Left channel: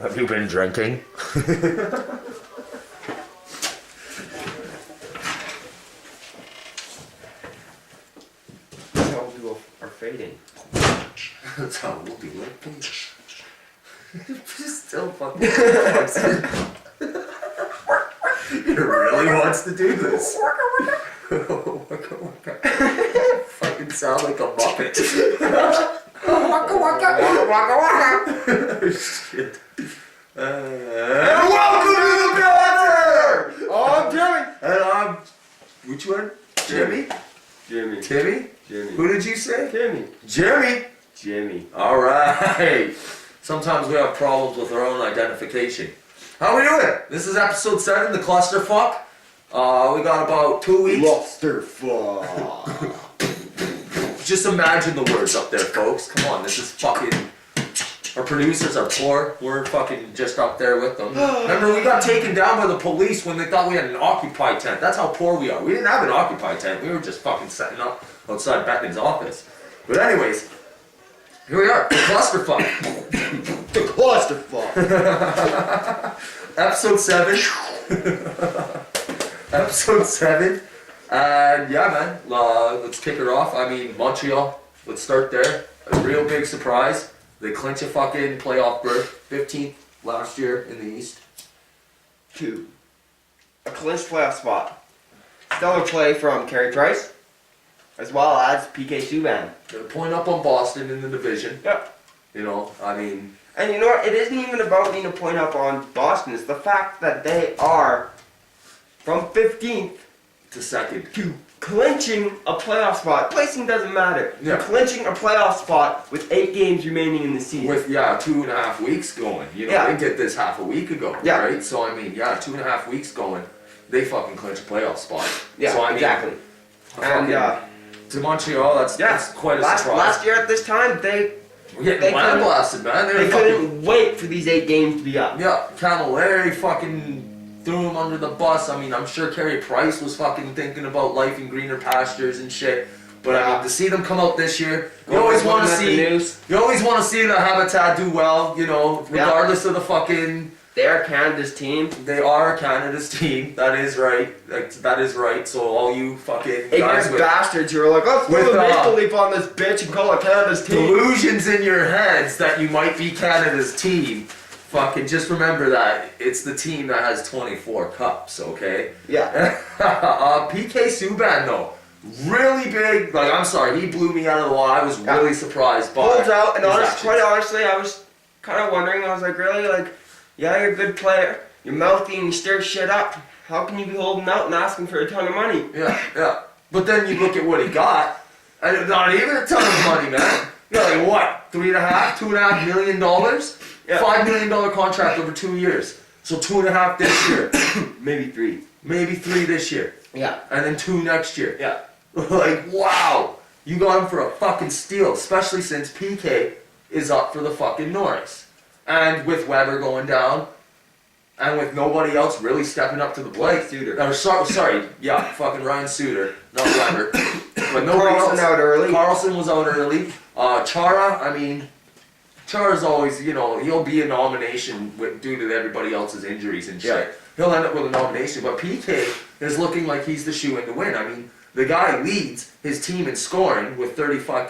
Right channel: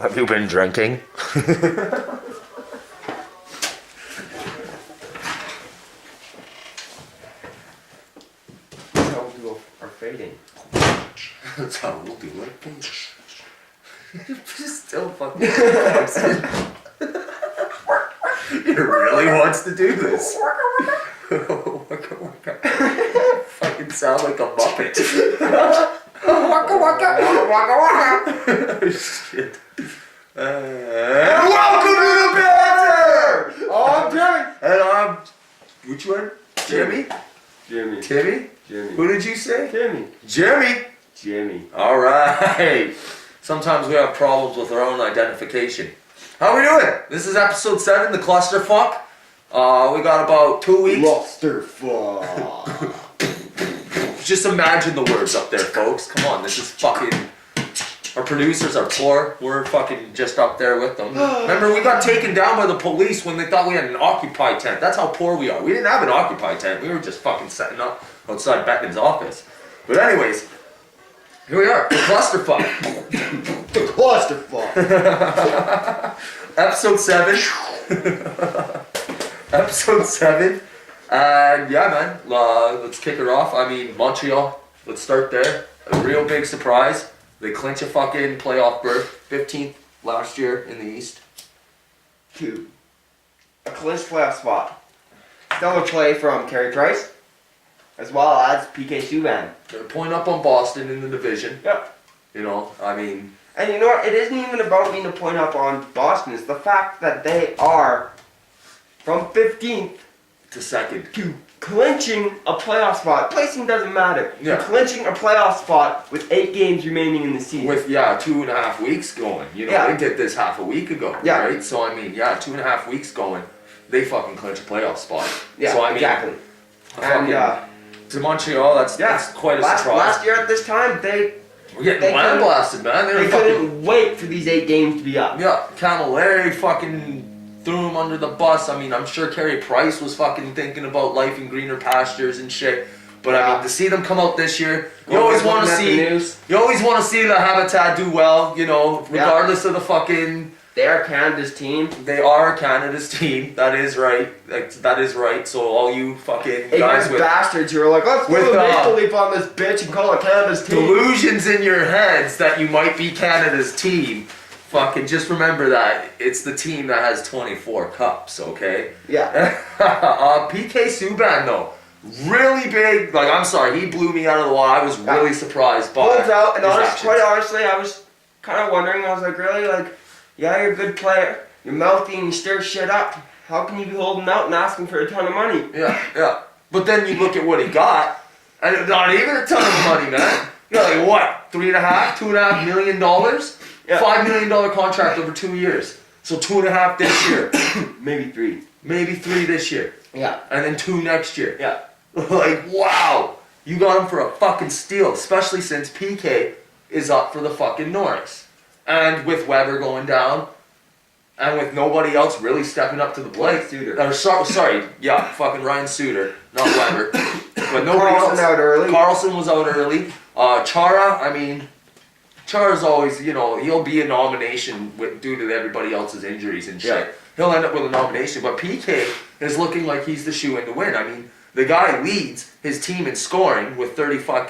Have you been drinking? That's how we'll do our fading. That's how we'll do it. Still fucking He really wants to do this. Fucking sound like a Muppet. Waka waka. Waka waka. Shit. Welcome to the Banter! I'm Jimmy. And I'm... Which one? Jimmy? Jimmy. Timmy? Jimmy. Who did you say? Jimmy. Jimmy. Jimmy. Alright. Sometimes we have problems with our own identification. How we doing? This is episode 7, the clusterfuck. We got about 2 weeks. Clusterfuck. Just imagine the words up there, folks. Come on, this is fucking... Our producers are poor. We're fucking just up there with them. Remember, we got taken down by the police when they thought we had an occupied tent. That's how poor we are. We didn't have an occupied tent. We were just fucking setting up outside Beckman's office. But anyways, here we are. The clusterfuck. The clusterfuck. Episode 7. Episode 7. And yeah, man, let's kick her off. I mean, Montreal, let's start there. A real big surprise. They clinch a fucking playoff berth. 15th last year in the East. 2. A clinched playoff spot. Stellar play from Carey Price, as well as PK Subban. They're a point up on Boston in the division. Yep. You know, I mean... And you know what? It isn't even about being a point up on Boston. It's the fact that they are from 15th to second. To clinching a playoff spot. Placing doesn't matter. Yeah. To clinching a playoff spot with 8 games remaining in the season. With, 2.5 weeks going. You know, they did this half a week ago, right? So, I mean, 2.5 weeks going, they fucking clinch a playoff spot. Yeah, so, I mean, exactly. And, to Montreal, that's quite a surprise. Last year at this time, they were getting land blasted, man. They couldn't wait for these 8 games to be up. Yeah, Camilleri fucking threw him under the bus. I mean, I'm sure Carey Price was fucking thinking about life in greener pastures and shit. But I mean, to see them come out this year, you always want to see the Habitat do well. You know, regardless of the fucking. They are Canada's team. They are Canada's team. That is right. That is right. So all you fucking guys with bastards who are like, let's put a maple leaf on this bitch and call it Canada's team. Delusions in your heads that you might be Canada's team. Fucking just remember that it's the team that has 24 cups, okay? Yeah. PK Subban though, really big. Like, I'm sorry, he blew me out of the water. I was really surprised by. Holds out, and quite honestly, I was kind of wondering. I was like, really, like, yeah, you're a good player. You're mouthy and you stir shit up. How can you be holding out and asking for a ton of money? Yeah. But then you look at what he got, and not even a ton of money, man. You know, like what? $2.5 million? Yeah. $5 million contract over 2 years. So 2.5 this year. Maybe 3. Maybe 3 this year. Yeah. And then 2 next year. Yeah. Like, wow. You got him for a fucking steal, especially since PK is up for the fucking Norris. And with Weber going down, and with nobody else really stepping up to the plate. Suter. Fucking Ryan Suter, not Weber. But nobody Carlson else. out early. Carlson was out early. Chara, I mean, Chara's always, you know, he'll be a nomination due to everybody else's injuries and shit. Yeah. He'll end up with a nomination, but PK is looking like he's the shoe-in to win. I mean, the guy leads his team in scoring with 34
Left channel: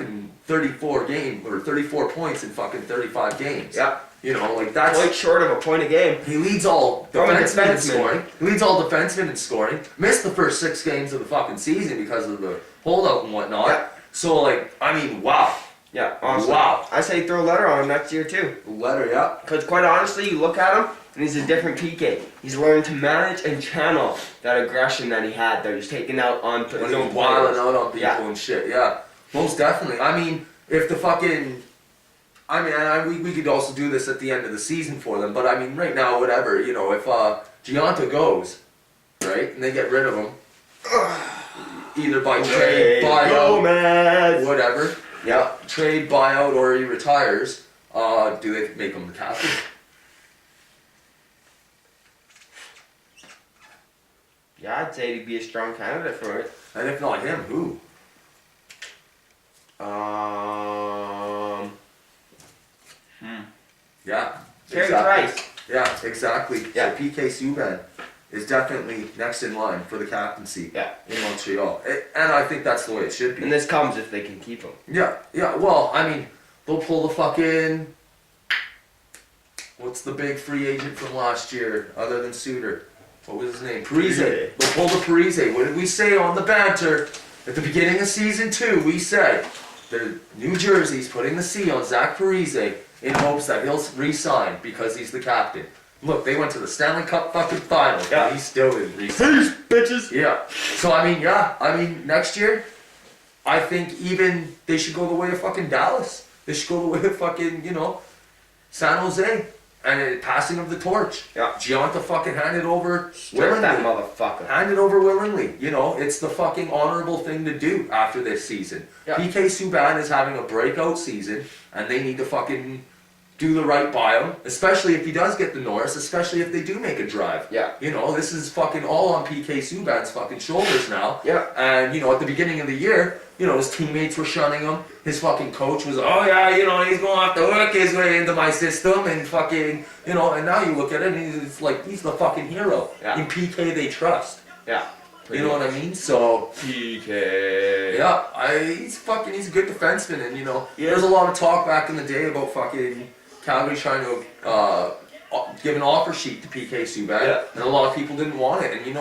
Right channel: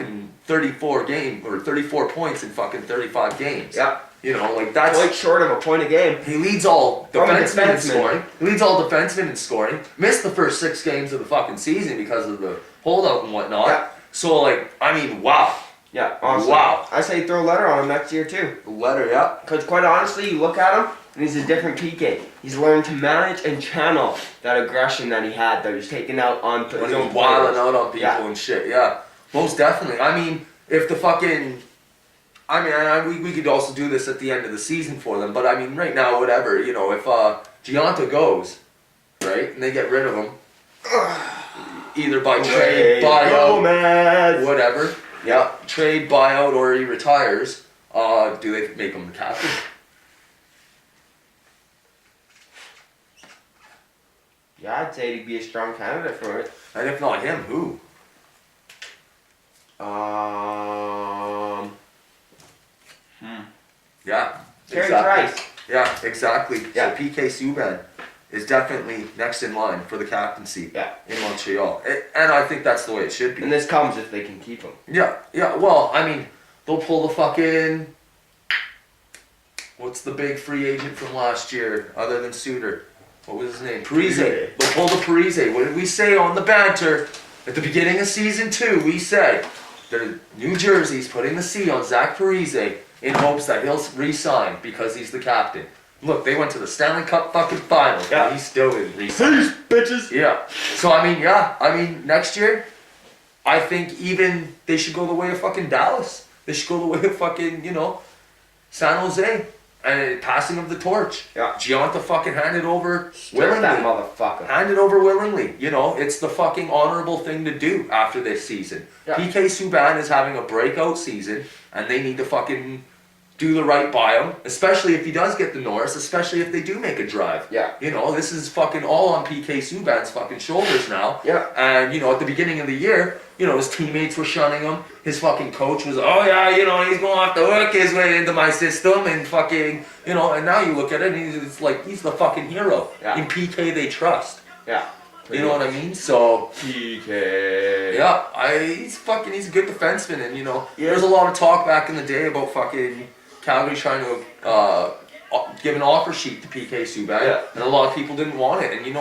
points in fucking 35 games. Yeah. You know, like that's quite short of a point a game. He leads all defensemen in scoring. He leads all defensemen in scoring. Missed the first 6 games of the fucking season because of the holdout and whatnot. Yeah. So, like, I mean, wow. Yeah, honestly. Wow. I say throw a letter on him next year too. A letter, yeah. Because quite honestly, you look at him, and he's a different PK. He's learned to manage and channel that aggression that he had, that he's taken out on his own players. Wilding out on people and shit, yeah. Most definitely. I mean, if the fucking... I mean, we could also do this at the end of the season for them, but I mean, right now, whatever, you know, if Gianta goes, right, and they get rid of him, either by trade, buyout, whatever, trade, buyout, or he retires, do they make him the captain? Yeah, I'd say he'd be a strong candidate for it. And if not him, who? Yeah. Carey exactly. Price. Yeah, exactly. Yeah. So PK Subban is definitely next in line for the captaincy in Montreal. And I think that's the way it should be. And this comes if they can keep him. Yeah, well, I mean, they'll pull the fucking... What's the big free agent from last year, other than Suter? What was his name? Parise. They'll pull the Parise. What did we say on the banter? At the beginning of season 2, we said that New Jersey's putting the C on Zach Parise in hopes that he'll re-sign because he's the captain. Look, they went to the Stanley Cup fucking final, and he still didn't re-sign. Peace, bitches! Yeah. So, I mean, next year, I think even they should go the way of fucking Dallas. They should go the way of fucking, San Jose. And passing of the torch. Yeah. Gianta fucking hand it over Willingly. willingly. That motherfucker. Hand it over willingly. It's the fucking honorable thing to do after this season. Yeah. PK Subban is having a breakout season, and they need to fucking do the right by him, especially if he does get the Norris, especially if they do make a drive. Yeah. This is fucking all on PK Subban's fucking shoulders now. Yeah. And, at the beginning of the year, his teammates were shunning him. His fucking coach was, oh yeah, he's going to have to work his way into my system and fucking, and now you look at it and it's like, he's the fucking hero. Yeah. In PK they trust. Yeah. You know what I mean? So, PK. yeah, he's a good defenseman and, there's a lot of talk back in the day about fucking Calgary trying to give an offer sheet to PK Subban. Yeah. And a lot of people didn't want it. And,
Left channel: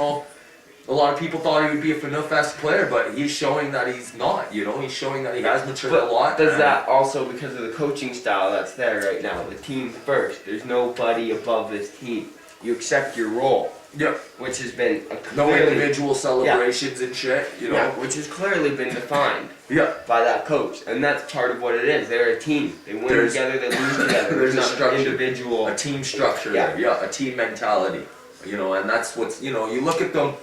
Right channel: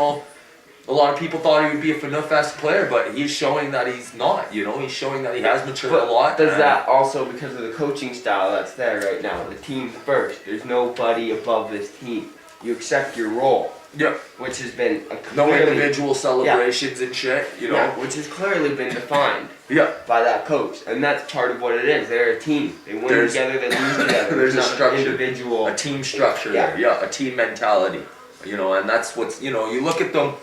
a lot of people thought he would be a Fanuf-esque player, but he's showing that he's not, He's showing that he has matured a lot. Does that also because of the coaching style that's there right now? The team first. There's nobody above this team. You accept your role. Yeah. Which has been No individual celebrations and shit, Yeah, which has clearly been defined by that coach. And that's part of what it is. They're a team. They win together, they lose together. There's a not structure. An individual. A team structure there. Yeah, a team mentality. And that's what's, you look at them,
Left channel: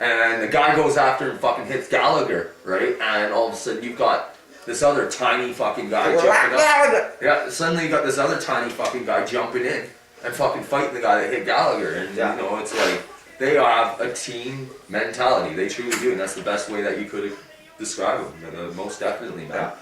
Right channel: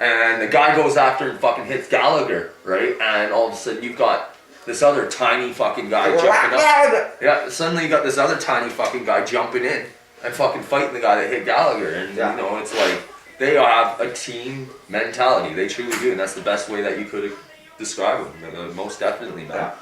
and the guy goes after and fucking hits Gallagher, right? And all of a sudden you've got this other tiny fucking guy jumping up. Yeah, suddenly you got this other tiny fucking guy jumping in and fucking fighting the guy that hit Gallagher. And, it's like, they have a team mentality. They truly do, and that's the best way that you could describe them. Most definitely, man.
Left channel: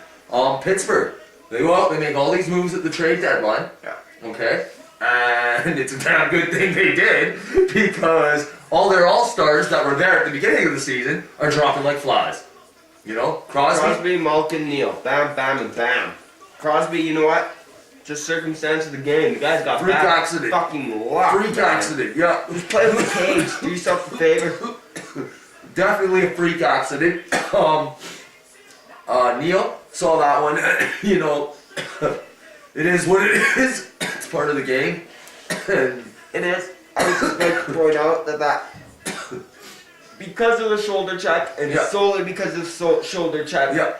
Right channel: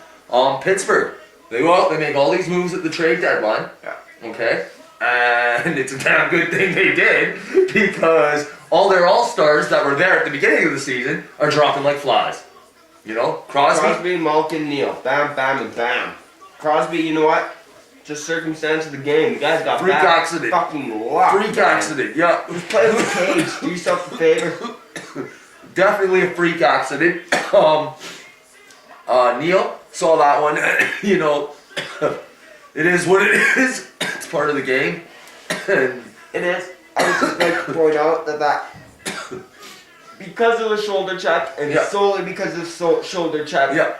Pittsburgh, they go out, they make all these moves at the trade deadline. Yeah. Okay? And it's a damn good thing they did, because all their all-stars that were there at the beginning of the season are dropping like flies. Crosby, Malkin, Neal. Bam, bam, and bam. Crosby, you know what? Just circumstance of the game. The guy's got freak accident. Fucking luck. Freak accident, yeah. Who's playing with the cage? Do yourself a favor. Definitely a freak accident. Neal saw that one. It is what it is. It's part of the game. And it is. I would just like to point out that because of the shoulder check and solely because of the shoulder check. Yeah.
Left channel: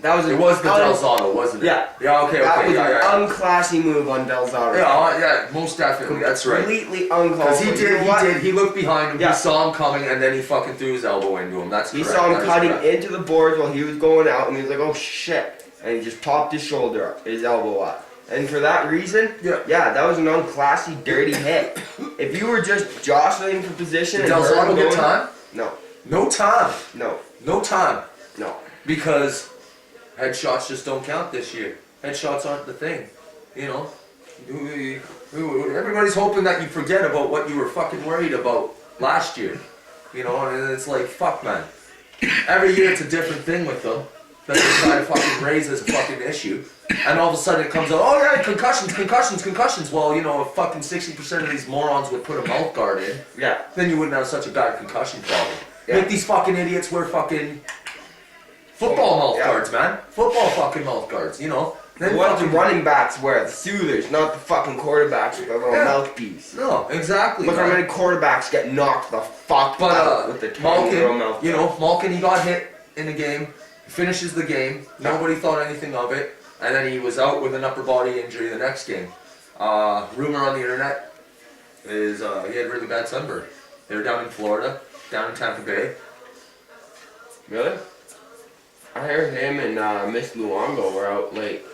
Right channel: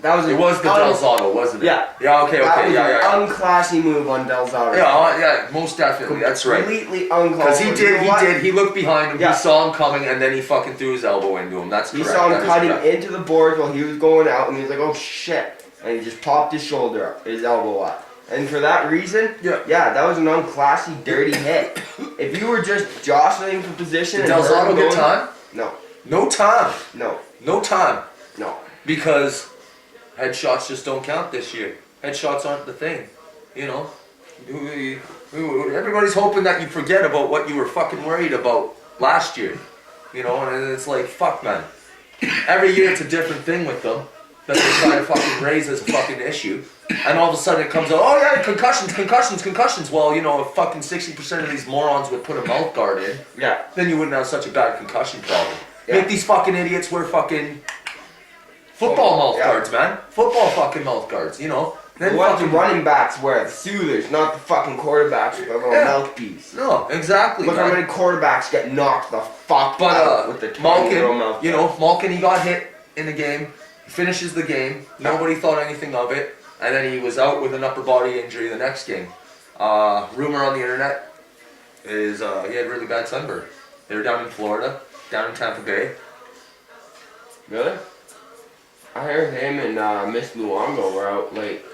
That was the Del Zotto, wasn't it? Yeah. Yeah, okay, that was yeah. An unclassy move on Del Zotto. Yeah, most definitely. That's right. Completely uncalled. Because he looked behind him, he saw him coming, and then he fucking threw his elbow into him. That's correct. He saw him cutting into the boards while he was going out, and he was like, oh shit. And he just popped his shoulder up, his elbow up. And for that reason, that was an unclassy, dirty hit. If you were just jostling for position Did Del Zotto get time? No. No time? No. No time? No. Because headshots just don't count this year. Headshots aren't the thing. Everybody's hoping that you forget about what you were fucking worried about last year. And it's like, fuck, man. Every year it's a different thing with them that they try to fucking raise as a fucking issue. And all of a sudden it comes out, oh yeah, concussions. Well, if fucking 60% of these morons would put a mouth guard in, then you wouldn't have such a bad concussion problem. Make these fucking idiots wear fucking football mouth guards, man. Football fucking mouth guards, Then what the running backs wear, the soothers, not the fucking quarterbacks with their little mouthpiece. No, exactly. Look how many quarterbacks get knocked the fuck out with the tiny little mouth guard. Malkin, he got hit in the game. He finishes the game. Nobody thought anything of it. And then he was out with an upper body injury the next game. Rumor on the internet is he had really bad sunburn. They were down in Florida, down in Tampa Bay. Really? I heard him and Miss Luongo were out late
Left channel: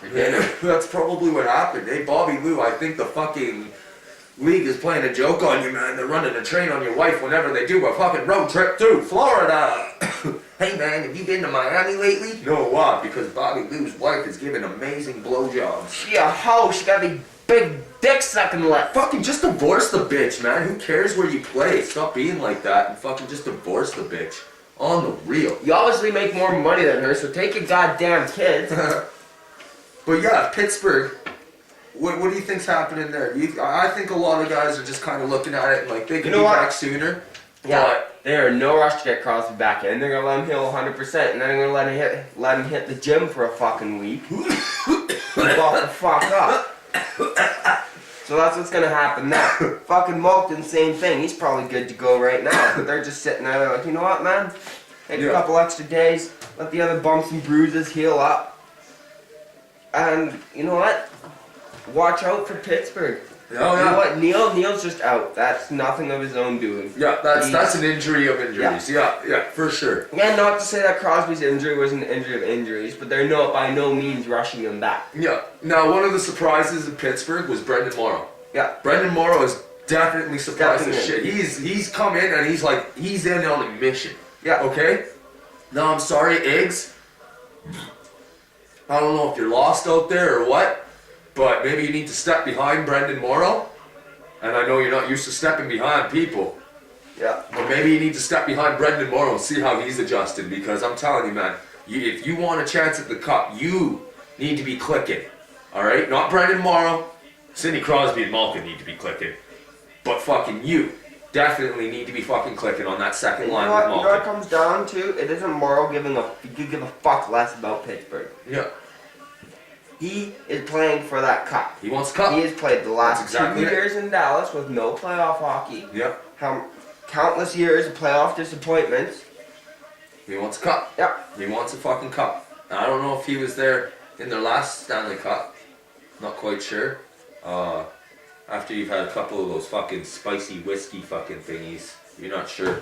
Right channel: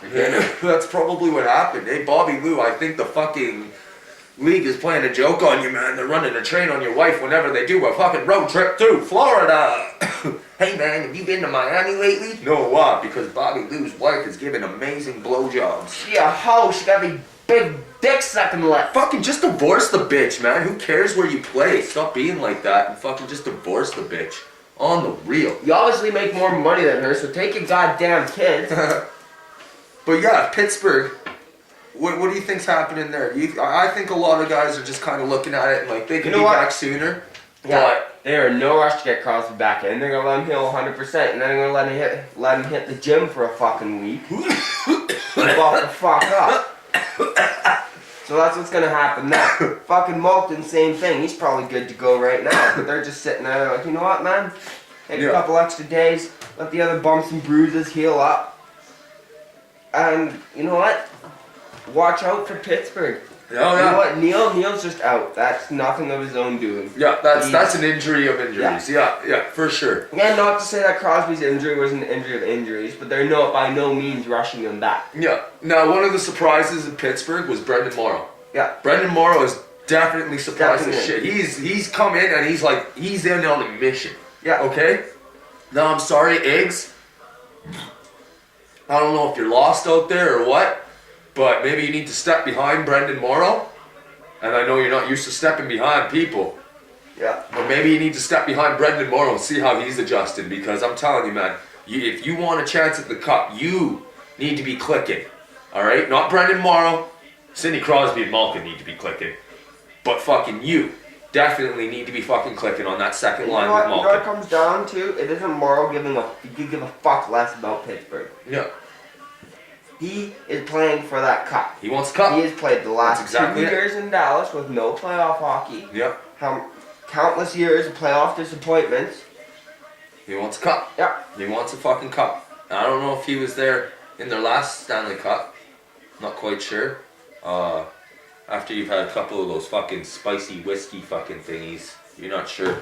for dinner. That's probably what happened. Hey, Bobby Lou, I think the fucking league is playing a joke on you, man. They're running a train on your wife whenever they do a fucking road trip through Florida. Hey, man, have you been to Miami lately? No, why? Because Bobby Lou's wife is giving amazing blowjobs. She a hoe. She got a big dick dick sucking lip. Fucking just divorce the bitch, man. Who cares where you play? Stop being like that and fucking just divorce the bitch. On the real. You obviously make more money than her, so take your goddamn kids. But yeah, Pittsburgh. What do you think's happening there? I think a lot of guys are just kind of looking at it and like they could be back sooner. Yeah, but they're in no rush to get Crosby back in. They're gonna let him heal 100%, and then they're gonna let him hit the gym for a fucking week. And walk the fuck up. So that's what's gonna happen now. Fucking Malkin, same thing. He's probably good to go right now, but they're just sitting there like, you know what, man? Take a couple extra days, let the other bumps and bruises heal up, and you know what? Watch out for Pittsburgh. Oh, yeah. You know what? Neil's just out. That's nothing of his own doing. Yeah, that's an injury of injuries. Yeah, for sure. Yeah, not to say that Crosby's injury was an injury of injuries, but they're by no means rushing him back. Yeah. Now, one of the surprises in Pittsburgh was Brendan Morrow. Yeah. Brendan Morrow is definitely surprised as shit. He's come in and he's in on a mission. Yeah. Okay? Now, I'm sorry, Iggs. I don't know if you're lost out there or what, but maybe you need to step behind Brendan Morrow. And I know you're not used to stepping behind people. Yeah. But maybe you need to step behind Brendan Morrow and see how he's adjusted. Because I'm telling you, man, if you want a chance at the cup, you need to be clicking. Alright? Not Brendan Morrow. Sidney Crosby and Malkin need to be clicking. But fucking you definitely need to be fucking clicking on that second line with Malkin. You know what it comes down to? It isn't Morrow give a fuck less about Pittsburgh. Yeah. He is playing for that cup. He wants the cup. He has played the last 2 exactly years in Dallas with no playoff hockey. Yeah. Countless years of playoff disappointments. He wants a cup. Yeah. He wants a fucking cup. I don't know if he was there in their last Stanley Cup. Not quite sure. After you've had a couple of those fucking spicy whiskey fucking thingies, you're not sure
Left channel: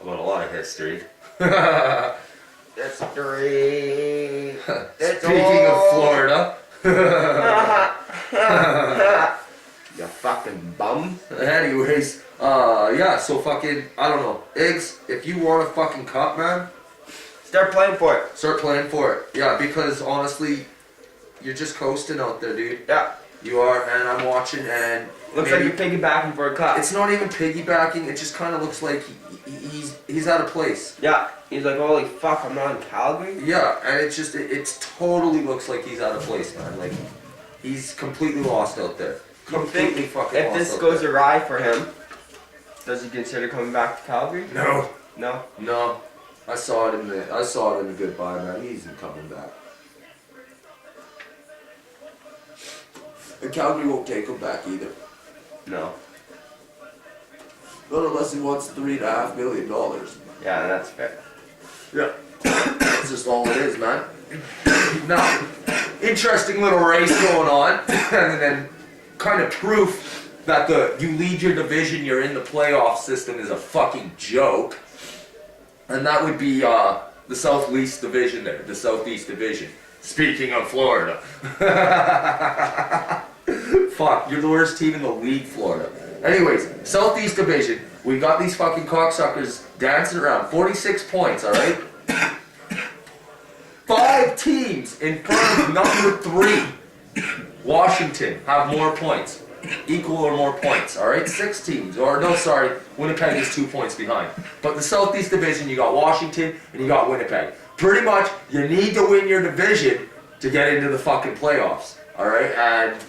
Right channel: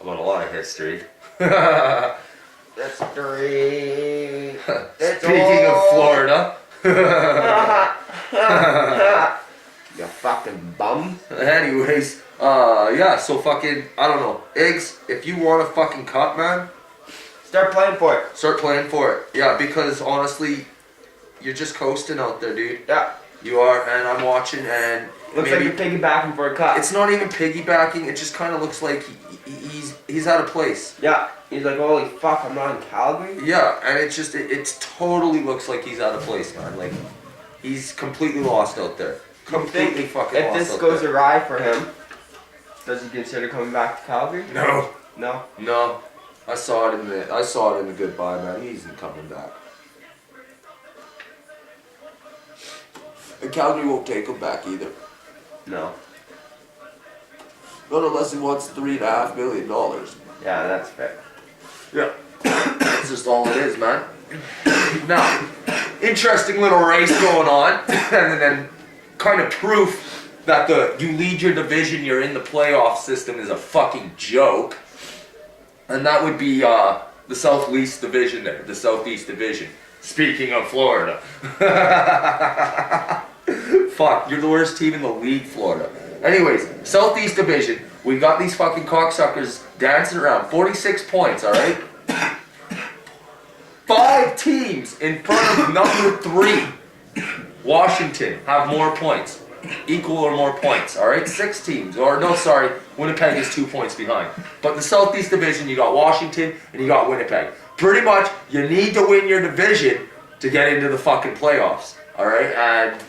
about a lot of history. That's three. Speaking of Florida. You fucking bum. Anyways, yeah, so fucking, I don't know. Iggs, if you want a fucking cup, man, start playing for it. start playing for it. Yeah, because honestly, you're just coasting out there, dude. Yeah. You are, and I'm watching, and Looks like you're piggybacking for a cup. it's not even piggybacking. It just kind of looks like he's out of place. Yeah. He's like, holy fuck, I'm not in Calgary? Yeah, and it's just it totally looks like he's out of place, man. Like he's completely lost out there. Completely fucking If lost this out goes there. awry for him, does he consider coming back to Calgary? No, No? no. I saw it in the goodbye, man. He isn't coming back. And Calgary won't take him back either. No. Not unless he wants $3.5 million. Yeah, that's fair. Yeah. That's just all it is, man. Now, interesting little race going on, and then kind of proof that you lead your division, you're in the playoff system is a fucking joke. And that would be the Southeast Division there, the Southeast Division. Speaking of Florida. Fuck, you're the worst team in the league, Florida. Anyways, Southeast Division, we got these fucking cocksuckers dancing around. 46 points, alright? 5 teams in front of number 3. Washington have more points. Equal or more points, alright? 6 teams. Winnipeg is 2 points behind. But the Southeast Division, you got Washington and you got Winnipeg. Pretty much, you need to win your division to get into the fucking playoffs, alright? And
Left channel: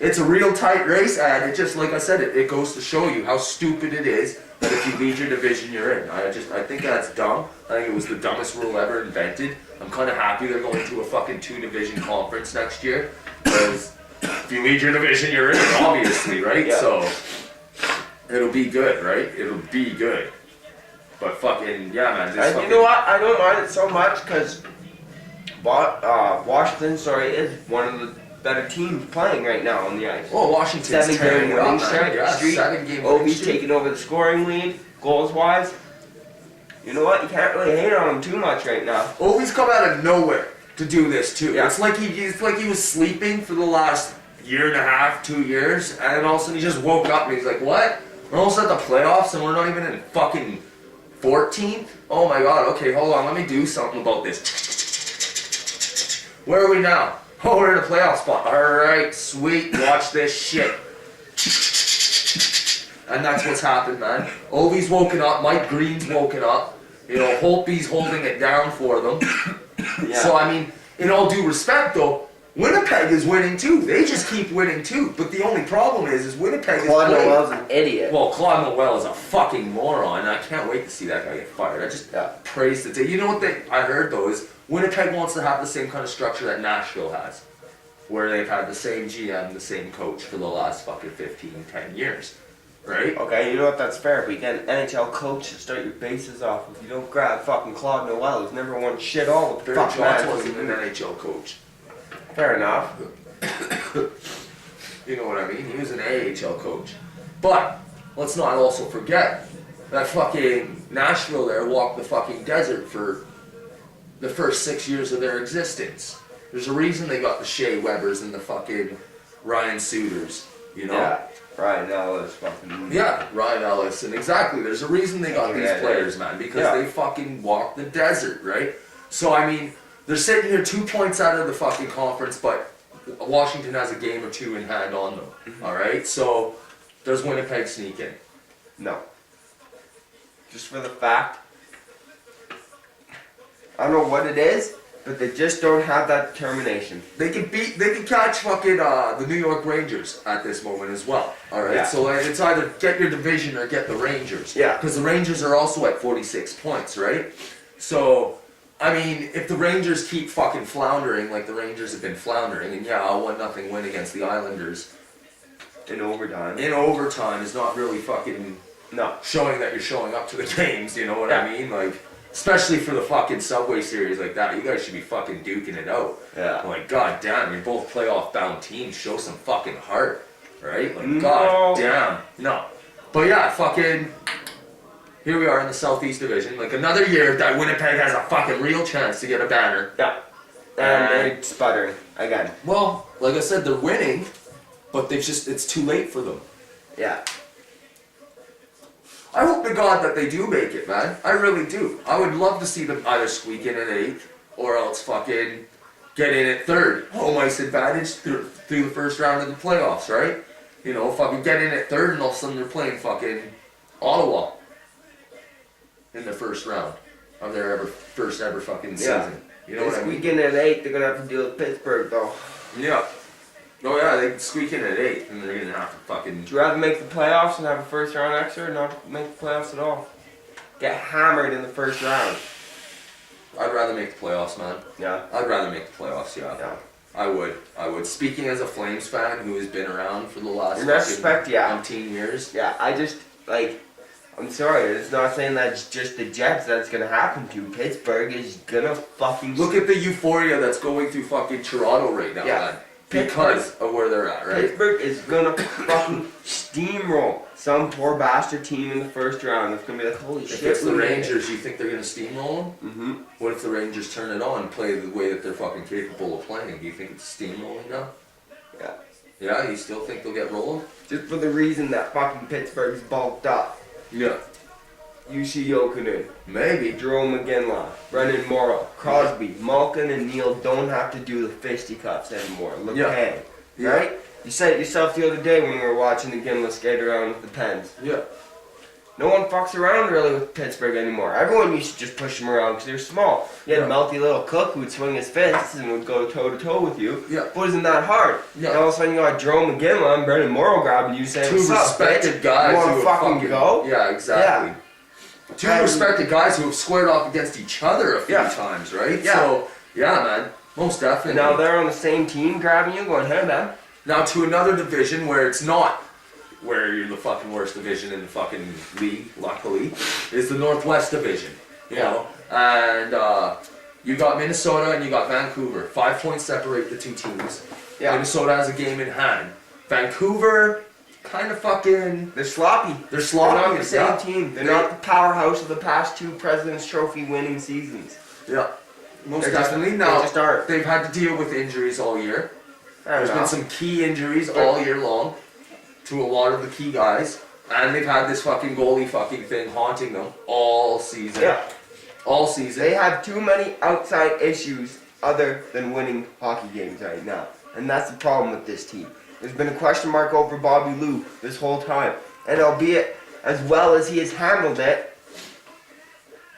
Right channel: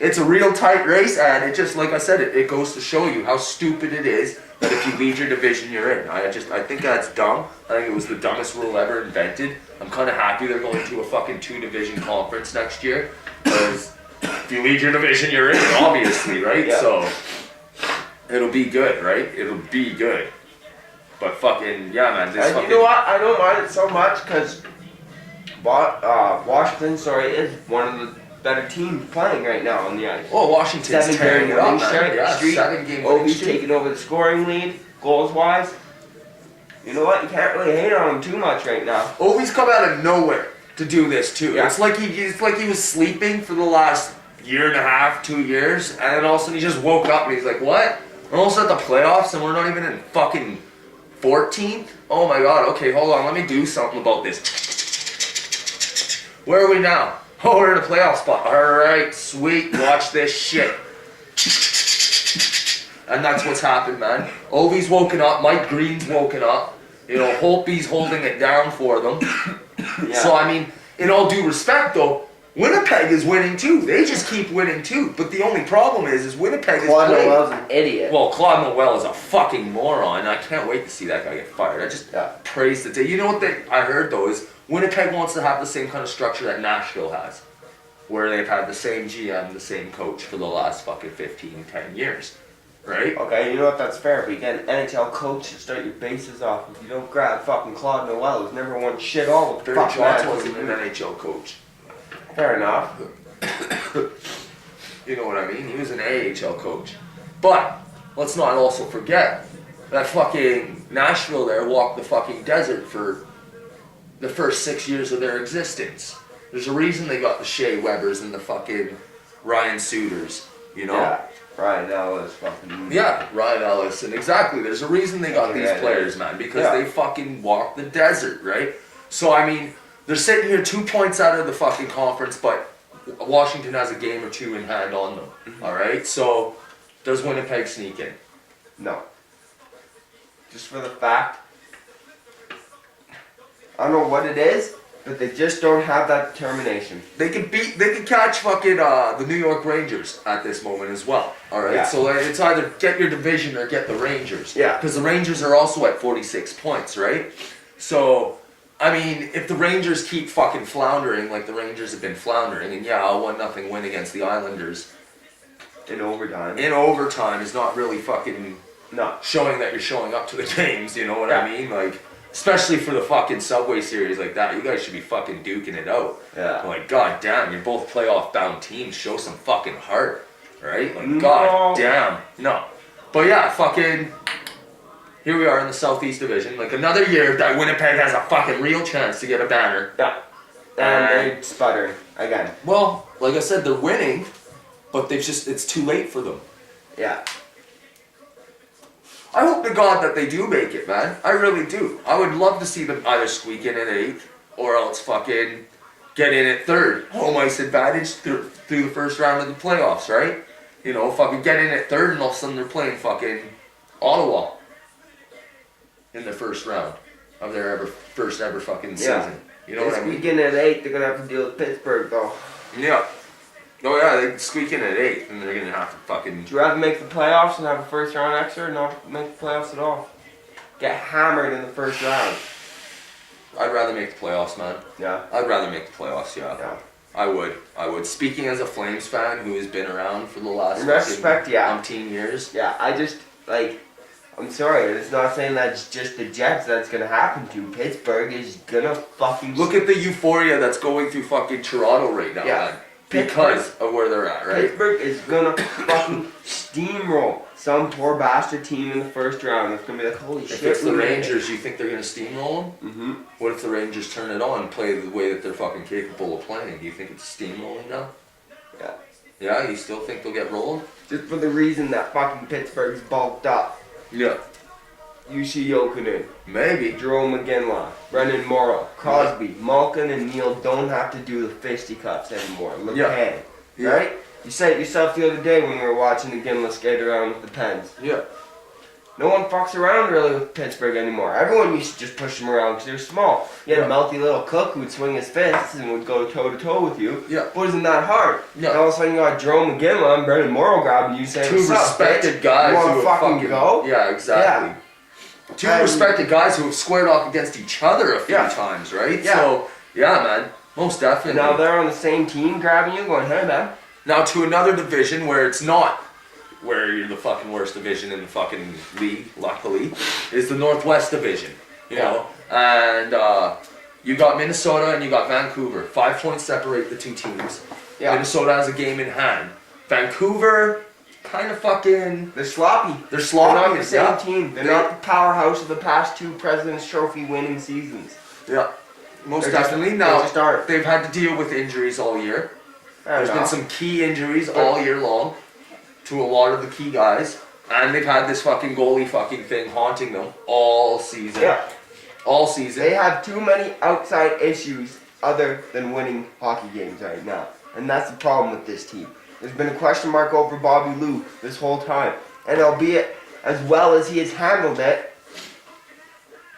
it's a real tight race, and it just, like I said, it goes to show you how stupid it is that if you lead your division, you're in. I think that's dumb. I think it was the dumbest rule ever invented. I'm kind of happy they're going to a fucking 2-division conference next year, because if you lead your division, you're in, obviously, right? Yeah. So, it'll be good, right? It'll be good. But fucking, yeah, man. You know what? I don't mind it so much, because Washington, is one of the better teams playing right now on the ice. Oh, Washington's 7-game winning streak. Yeah, 7-game winning Ovi's streak. taking over the scoring lead, goals-wise. You know what? You can't really hate on him too much right now. Ovi's come out of nowhere to do this too. Yeah. It's like he was sleeping for the last year and a half, 2 years, and then all of a sudden he just woke up and he's like, what? We're almost at the playoffs and we're not even in fucking 14th? Oh my god, okay, hold on, let me do something about this. Where are we now? Oh, we're in a playoff spot. Alright, sweet. Watch this shit. And that's what's happened, man. Ovi's woken up. Mike Green's woken up. You know, Holtby's holding it down for them. Yeah. So, I mean, in all due respect, though, Winnipeg is winning too. They just keep winning too. But the only problem is Winnipeg is Claude playing. Noel's an idiot. Well, Claude Noel is a fucking moron. I can't wait to see that guy get fired. I just praise the day. You know what I heard though is Winnipeg wants to have the same kind of structure that Nashville has, where they've had the same GM, the same coach for the last fucking 15, 10 years. Right? Okay, you know what? That's fair. But you get an NHL coach to start your bases off. If you don't grab fucking Claude Noel, who's never won shit all the Barry fuck Trotz man. wasn't an NHL coach. Fair enough. You know what I mean? He was an AHL coach. But let's not also forget that fucking Nashville there walked the fucking desert for the first 6 years of their existence. There's a reason they got the Shea Webbers and the fucking Ryan Suiters, you know? Yeah. Ryan Ellis fucking. Yeah, Ryan Ellis, and exactly. There's a reason they got these players, man, because they fucking walked the desert, right? So, I mean, they're sitting here 2 points out of the fucking conference, but Washington has a game or two in hand on them, alright? So, does Winnipeg sneak in? No. Just for the fact, I don't know what it is, but they just don't have that determination. They can catch fucking the New York Rangers at this moment as well. All right, so it's either get your division or get the Rangers. Yeah. Because the Rangers are also at 46 points, right? So, I mean, if the Rangers keep fucking floundering like the Rangers have been floundering, and yeah, a 1-0 win against the Islanders In overtime. in overtime is not really fucking No. showing that you're showing up to the games. You know what I mean? Like. Especially for the fucking Subway Series like that, you guys should be fucking duking it out. Yeah. Like, god damn, you're both playoff bound teams. Show some fucking heart, right? Like, god damn, no. But yeah, fucking. Here we are in the Southeast Division. Like another year that Winnipeg has a fucking real chance to get a banner. Yeah. And they're sputtering again. Well, like I said, they're winning, but it's too late for them. Yeah. I hope to God that they do make it, man. I really do. I would love to see them either squeak in at 8th or else fucking get in at 3rd. Home ice advantage through the first round of the playoffs, right? You know, fucking get in at 3rd and all of a sudden they're playing fucking Ottawa in the first round of their first ever fucking season. You know what I mean? Squeak in at 8, they're going to have to deal with Pittsburgh, though. Yeah. Oh yeah, they squeak in at 8th and they're going to have to fucking... Would you rather make the playoffs and have a first round extra or not make the playoffs at all? Get hammered in the first round. I'd rather make the playoffs, man. Yeah. I'd rather make the playoffs, yeah. Yeah. I would. Speaking as a Flames fan who has been around for the last umpteen years. Yeah, I just, like, I'm sorry, it's not saying that's just the Jets that's going to happen to. Pittsburgh is going to fucking... Look at the euphoria that's going through fucking Toronto right now, man. Because of where they're at, right? Pittsburgh is gonna fucking steamroll some poor bastard team in the first round. It's gonna be like, holy shit. If it's the Rangers, you think they're gonna steamroll them? Mm-hmm. What if the Rangers turn it on and play the way that they're fucking capable of playing? Do you think it's steamrolling now? Yeah. Yeah, you still think they'll get rolled? Just for the reason that fucking Pittsburgh's bulked up. Yeah. Yushi Jokinen, Maybe. Jerome McGinley, Brendan Morrow, Crosby, Malkin, and Neal don't have to do the fisticuffs anymore. Look, right? You said it yourself the other day when we were watching the Ginla skate around with the Pens. Yeah. No one fucks around really with Pittsburgh anymore. Everyone used to just push them around because they're small. You had a melty little cook who would swing his fists and would go toe-to-toe with you. Yeah. But isn't that hard? Yeah. And all of a sudden you got Jerome McGinley and Brendan Morrow grabbing you saying, two "What's up, respected bitch? guys You want who to have fucking go?" Yeah, exactly. Yeah. Two respected guys who have squared off against each other a few times, right? Yeah. So, yeah, man. Most definitely. Now they're on the same team grabbing you going, "Hey, man." Now to another division where it's not where you're the fucking worst division in the fucking league, luckily, is the Northwest Division. You know? And you got Minnesota and you got Vancouver. 5 points separate the two teams. Yeah. Minnesota has a game in hand. Vancouver kind of fucking... They're sloppy. They're sloppy. They're not the same team. They're not the powerhouse of the past 2 President's Trophy winning seasons. Yeah. Most definitely. Now, they've had to deal with injuries all year. There's been some key injuries all year long to a lot of the key guys. And they've had this fucking goalie fucking thing haunting them all season. Yeah. All season. They have too many outside issues other than winning hockey games right now. And that's the problem with this team. There's been a question mark over Bobby Lou this whole time. And albeit as well as he has handled it,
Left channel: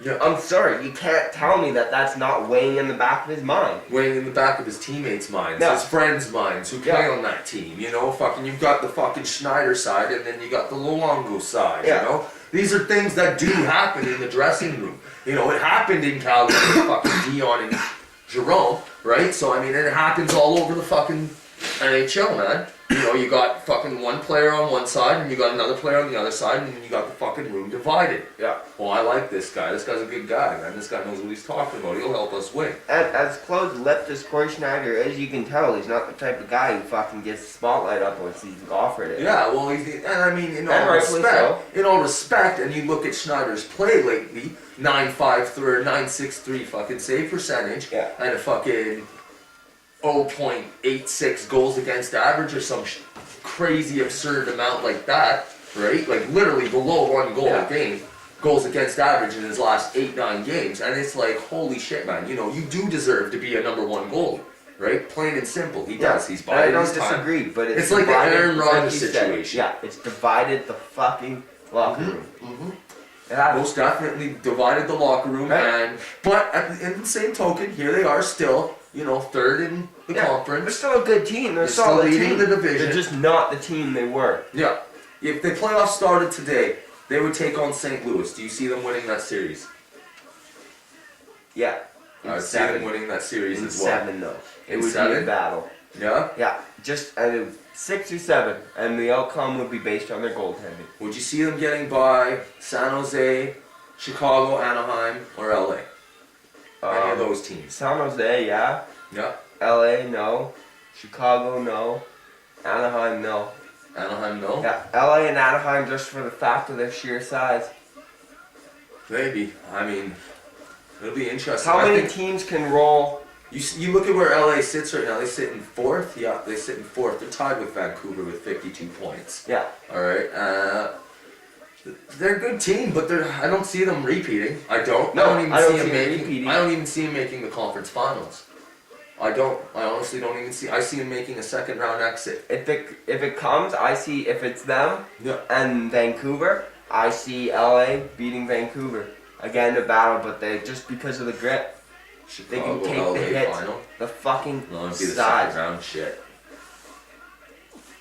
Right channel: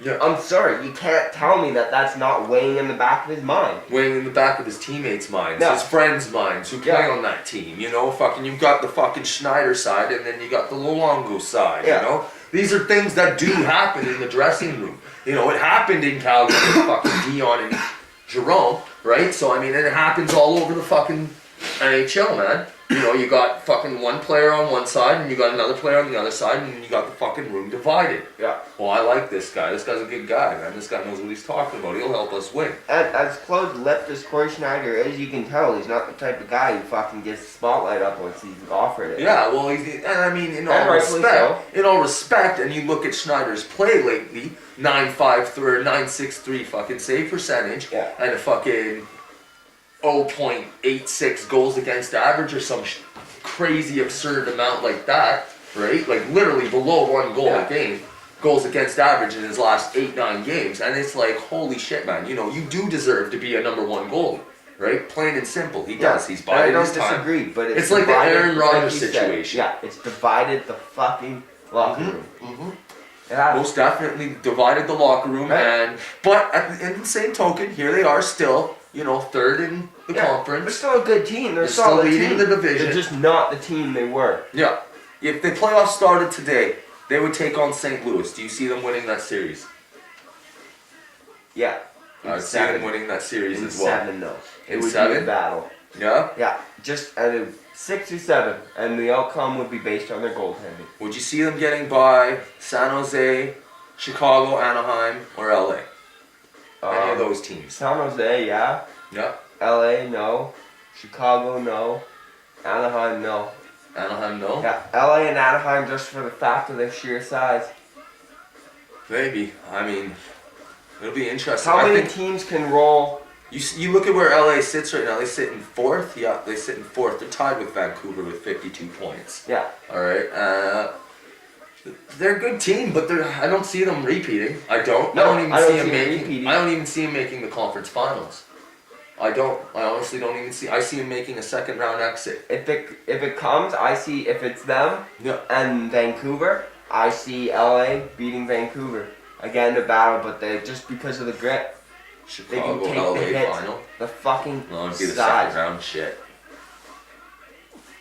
yeah. I'm sorry, you can't tell me that that's not weighing in the back of his mind. Weighing in the back of his teammates' minds, No. his friends' minds who play on that team. You know, fucking, you've got the fucking Schneider side and then you got the Luongo side, Yeah. you know? These are things that do happen in the dressing room. You know, it happened in Calgary with fucking Dion and Jerome, right? So, I mean, and it happens all over the fucking NHL, man. You know, you got fucking one player on one side and you got another player on the other side and you got the fucking room divided. Yeah. Well, I like this guy. This guy's a good guy, man. This guy knows what he's talking about. He'll help us win. And as close-lipped as Corey Schneider is, you can tell he's not the type of guy who fucking gets the spotlight up once he's offered it. Yeah, well, and I mean, in all respect, and you look at Schneider's play lately, 9.53 9.63 fucking save percentage, Yeah. and a fucking 0.86 goals against average or some crazy absurd amount like that, right? Like literally below 1 goal a game, goals against average in his last 8-9 games, and it's like, holy shit, man! You know, you do deserve to be a number 1 goalie, right? Plain and simple, he does. He's biding his time. I don't disagree, but it's like the Aaron Rodgers situation. Yeah, it's divided the fucking locker room. Mm-hmm. Yeah. Most definitely divided the locker room, Right. but in the same token, here they are still, you know, third in the conference. They're still a good team. They're still solid leading team. the division. They're just not the team they were. Yeah. If the playoffs started today, they would take on St. Louis. Do you see them winning that series? Yeah. I would see them winning that series in as well. 7 though. It In would 7? be a battle. Yeah? Yeah. Just 6 or 7, and the outcome would be based on their goaltending. Would you see them getting by San Jose, Chicago, Anaheim, or LA? Any of those teams? San Jose, yeah. Yeah. LA, no. Chicago, no. Anaheim, no. Anaheim, no? Yeah, LA and Anaheim just for the fact of their sheer size. Maybe. I mean, it'll be interesting. How many teams can roll? You look at where LA sits right now. They sit in 4th. Yeah, they sit in 4th. They're tied with Vancouver with 52 points. Yeah. All right. They're a good team, but I don't see them repeating. I don't. No, I don't even see them making the conference finals. I honestly don't even see. I see them making a second round exit. If it comes, I see if it's them and Vancouver, I see LA beating Vancouver. Again, a battle, but they just because of the grit, they can Chicago, take LA the hit, final. the fucking No, it'd be the size. second round shit.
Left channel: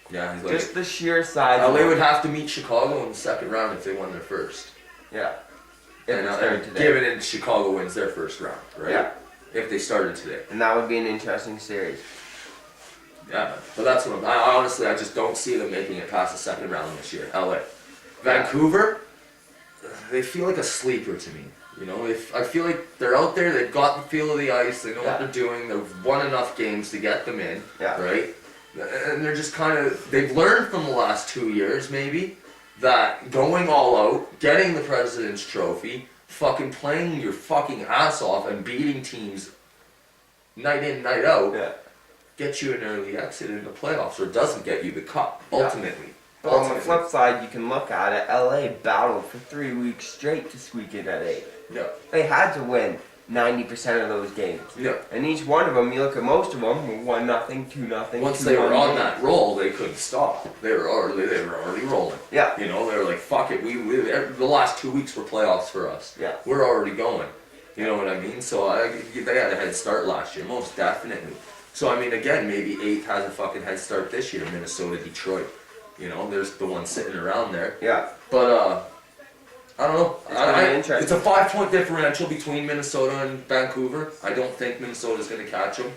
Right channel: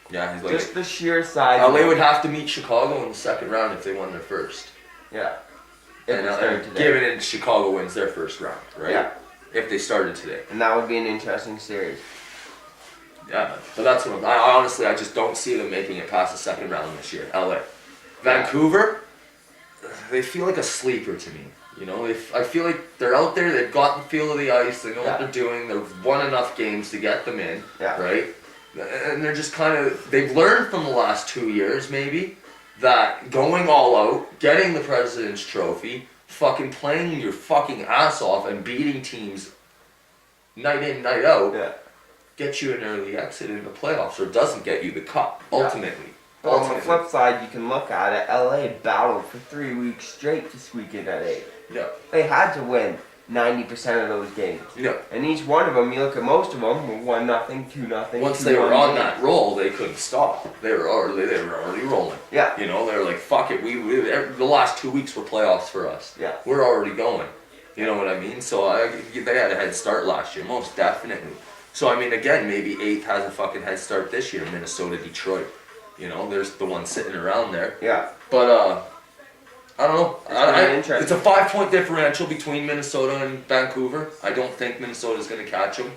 Yeah, he's like. Just the sheer size. LA would have to meet Chicago in the second round if they won their first. Yeah. And given it, Chicago wins their first round, right? Yeah. If they started today. And that would be an interesting series. Yeah, but that's what I honestly, I just don't see them making it past the second round this year. LA. Vancouver, they feel like a sleeper to me. You know, I feel like they're out there, they've got the feel of the ice, they know what they're doing, they've won enough games to get them in, right? And they're just kind of, they've learned from the last 2 years maybe, that going all out, getting the President's Trophy, fucking playing your fucking ass off and beating teams night in, night out, gets you an early exit in the playoffs, or doesn't get you the cup, ultimately. But on the flip side, you can look at it, LA battled for 3 weeks straight to squeak in at 8. Yeah. They had to win 90% of those games. Yeah. And each one of them, you look at most of them, were 1-0, 2-0. Once they were on that roll, they couldn't stop. They were already rolling. Yeah. You know, they were like, fuck it. The last 2 weeks were playoffs for us. Yeah. We're already going. You know what I mean? So they had a head start last year, most definitely. So I mean, again, maybe 8th has a fucking head start this year. Minnesota, Detroit. You know, there's the one sitting around there. Yeah. But I don't know. It's a 5-point differential between Minnesota and Vancouver. I don't think Minnesota's going to catch them.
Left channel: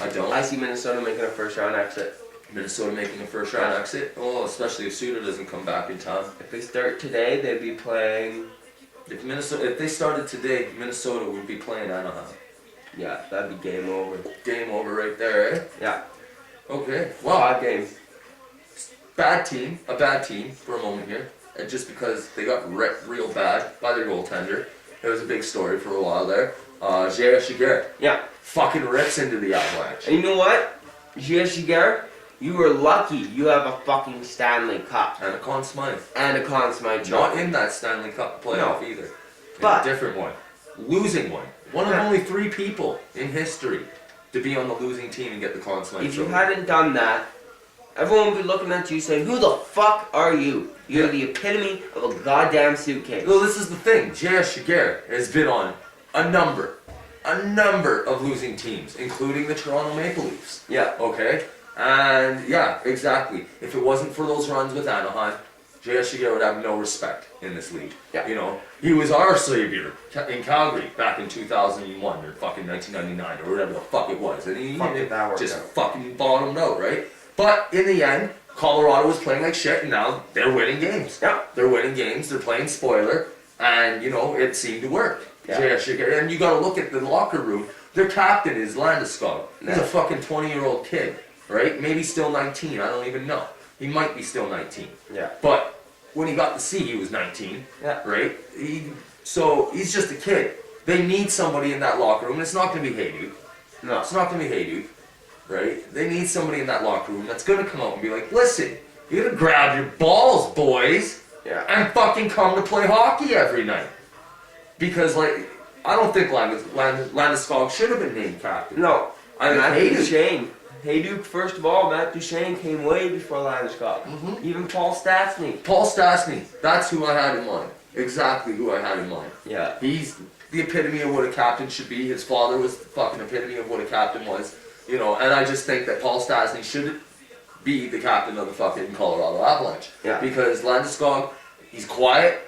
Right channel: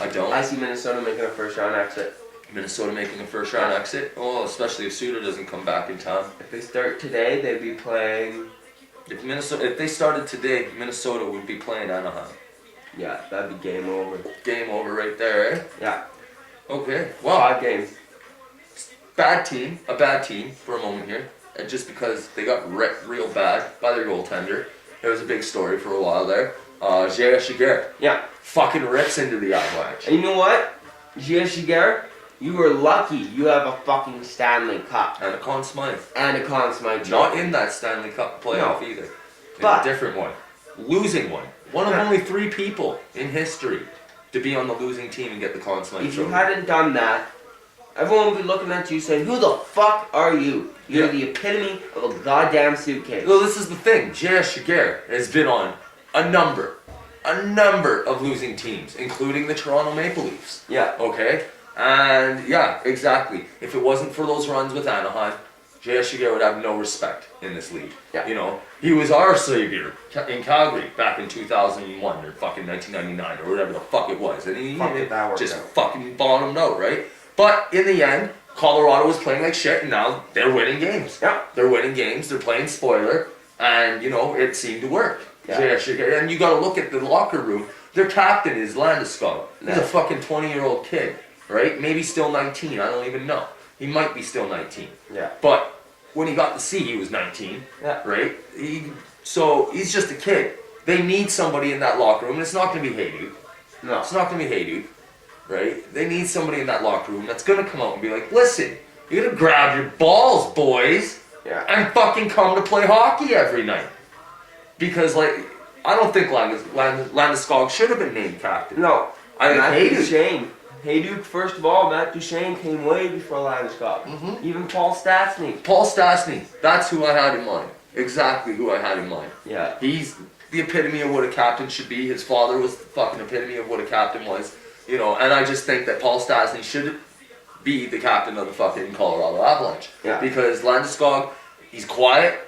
I don't. I see Minnesota making a first round exit. Minnesota making a first round exit? Oh, especially if Suter doesn't come back in time. If they start today, they'd be playing... If they started today, Minnesota would be playing Anaheim. Yeah, that'd be game over. Game over right there, eh? Yeah. Okay. Well, 5 games. A bad team for a moment here. And just because they got wrecked real bad by their goaltender. It was a big story for a while there. J.R. Shiger. Yeah. Fucking rips into the Avalanche. And you know what? J.R. Shiger, you were lucky you have a fucking Stanley Cup. And a Conn Smythe. And a Conn Smythe. Not in that Stanley Cup playoff either. But a different one. Losing one. One of only 3 people in history to be on the losing team and get the Conn Smythe If you Trophy. hadn't done that, everyone would be looking at you saying, "Who the fuck are you? You're the epitome of a goddamn suitcase." Well, this is the thing. J.S. Giguère has been on a number of losing teams, including the Toronto Maple Leafs. Yeah. Okay? And yeah, exactly. If it wasn't for those runs with Anaheim, J.S. Giguère would have no respect in this league. Yeah. You know, he was our savior in Calgary back in 2001 or fucking 1999 or whatever the fuck it was. And he just fucking bottomed out, right? But in the end, Colorado was playing like shit and now they're winning games. Yeah. They're winning games, they're playing spoiler, and you know, it seemed to work. Yeah. J.S. Giguère. And you gotta look at the locker room. Their captain is Landeskog. He's a fucking 20-year-old kid, right? Maybe still 19, I don't even know. He might be still 19. Yeah. But when he got to see, he was 19, right? So he's just a kid. They need somebody in that locker room, and it's not going to be Hayduke. No. It's not going to be Hayduke, right? They need somebody in that locker room that's going to come out and be like, listen, you got to grab your balls, boys, and fucking come to play hockey every night. Because, like, I don't think Landeskog should have been named captain. No. I Matt Hayduke. Duchene. Hayduke, first of all, Matt Duchene came way before Landeskog. Mm-hmm. Even Paul Stastny. Paul Stastny, that's who I had in mind. Exactly who I had in mind. Yeah. He's the epitome of what a captain should be. His father was the fucking epitome of what a captain was. You know, and I just think that Paul Stastny should be the captain of the fucking Colorado Avalanche. Yeah. Because Landeskog, he's quiet.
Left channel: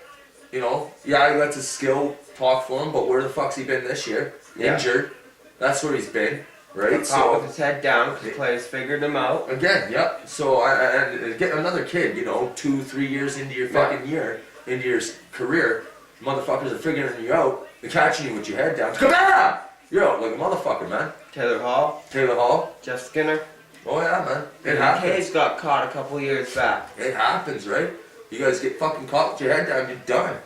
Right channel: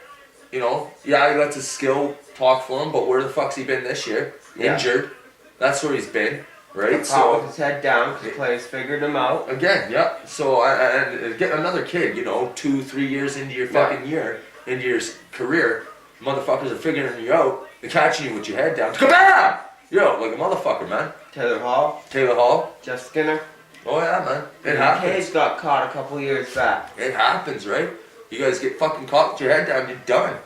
You know, yeah, he lets his skill talk for him, but where the fuck's he been this year? Yeah. Injured. That's where he's been. Right? So with his head down because the players figured him out. Again, yep. So and get another kid, you know, 2-3 years into your fucking year, into your career, motherfuckers are figuring you out. They're catching you with your head down. Kabam! You're out like a motherfucker, man. Taylor Hall. Jeff Skinner. Oh yeah, man. It happens. Hayes got caught a couple years back. It happens, right? You guys get fucking caught with your head down, you're done.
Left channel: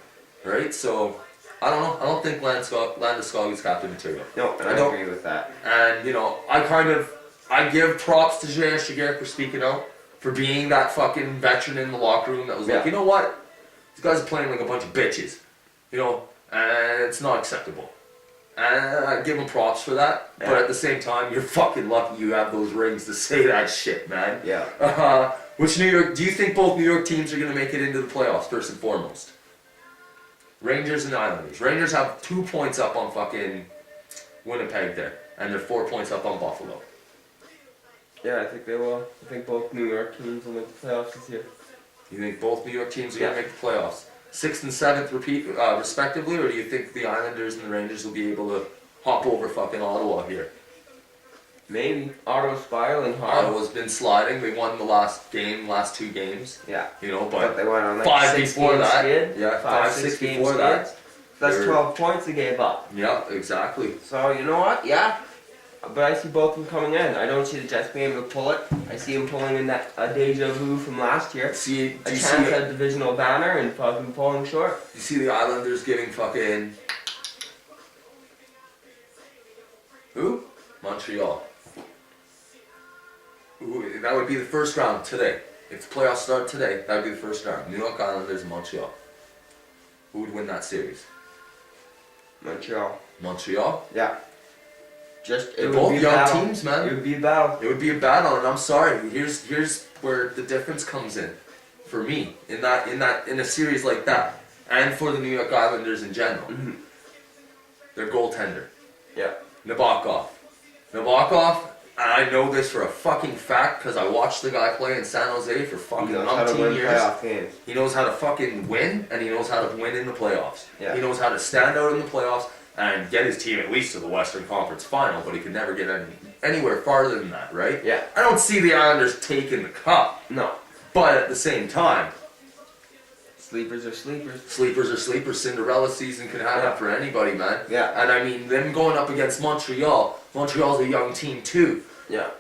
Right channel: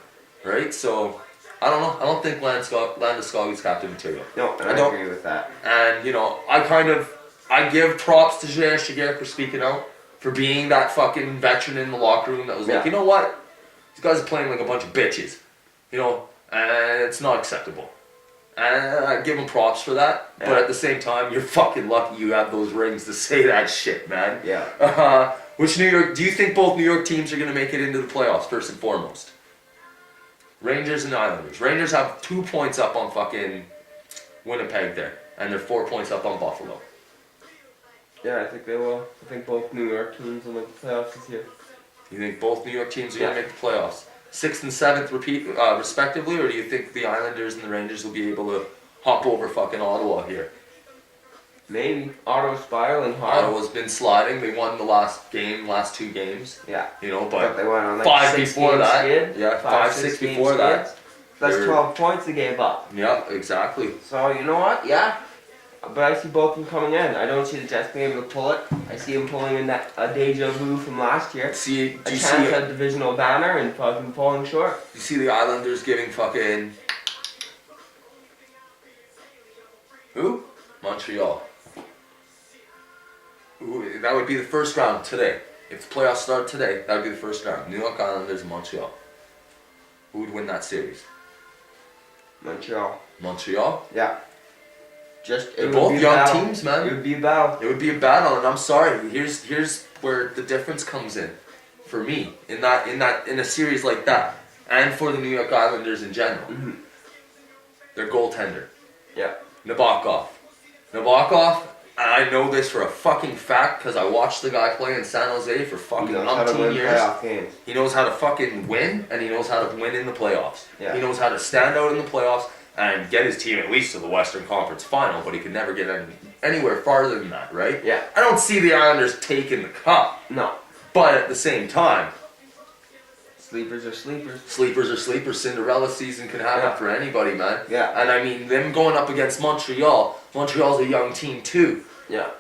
Right? So I don't know. I don't think Landeskog is captain material. No, and I don't agree with that. And, you know, I give props to J.S. Giguère for speaking out, for being that fucking veteran in the locker room that was like, you know what? These guys are playing like a bunch of bitches. You know, and it's not acceptable. And I give him props for that. Yeah. But at the same time, you're fucking lucky you have those rings to say that shit, man. Yeah. Do you think both New York teams are going to make it into the playoffs, first and foremost? Rangers and Islanders. Rangers have 2 points up on fucking Winnipeg there, and they're 4 points up on Buffalo. Yeah, I think they will. I think both New York teams will make the playoffs this year. You think both New York teams are going to make the playoffs? 6th and 7th respectively, or do you think the Islanders and the Rangers will be able to hop over fucking Ottawa here? Maybe. Ottawa's spiraling hard. Ottawa's been sliding. They won the last 2 games. Yeah. You know, but they went on like 5 before that. Skid. Yeah, 5-6 before that. That's 12 points they gave up. Yeah, exactly. So, you know what? Yeah. But I see both of them coming in. I don't see the Jets being able to pull it. I see them pulling in that deja vu from last year. Do you chance see at a divisional banner and fucking falling short. You see the Islanders giving fucking... Who? Montreal. Ooh, that would be the first round today. If the playoffs start today, that would be the first round. New York Islanders and Montreal. Who would win that series? Montreal. Montreal? Yeah. They're both young teams, man. It would be a battle. It would be a battle, and I'm sorry. Here's where the difference comes in, for me, in a series like that, and for the New York Islanders in general. Mm-hmm. Their goaltender. Yeah. Nabokov, and I know this for a fucking fact because I watched the guy play in San Jose for fucking umpteen years. Playoff games. He knows how to fucking win, and he knows how to win in the playoffs. Yeah. He knows how to stand out in the playoffs and get his team at least to the Western Conference Final, but he could never get anywhere farther than that, right? Yeah. I don't see the Islanders taking the cup. No. But at the same time, sleepers are sleepers. Sleepers are sleepers. Cinderella season can happen for anybody, man. Yeah. And I mean, them going up against Montreal. Montreal's a young team too. Yeah.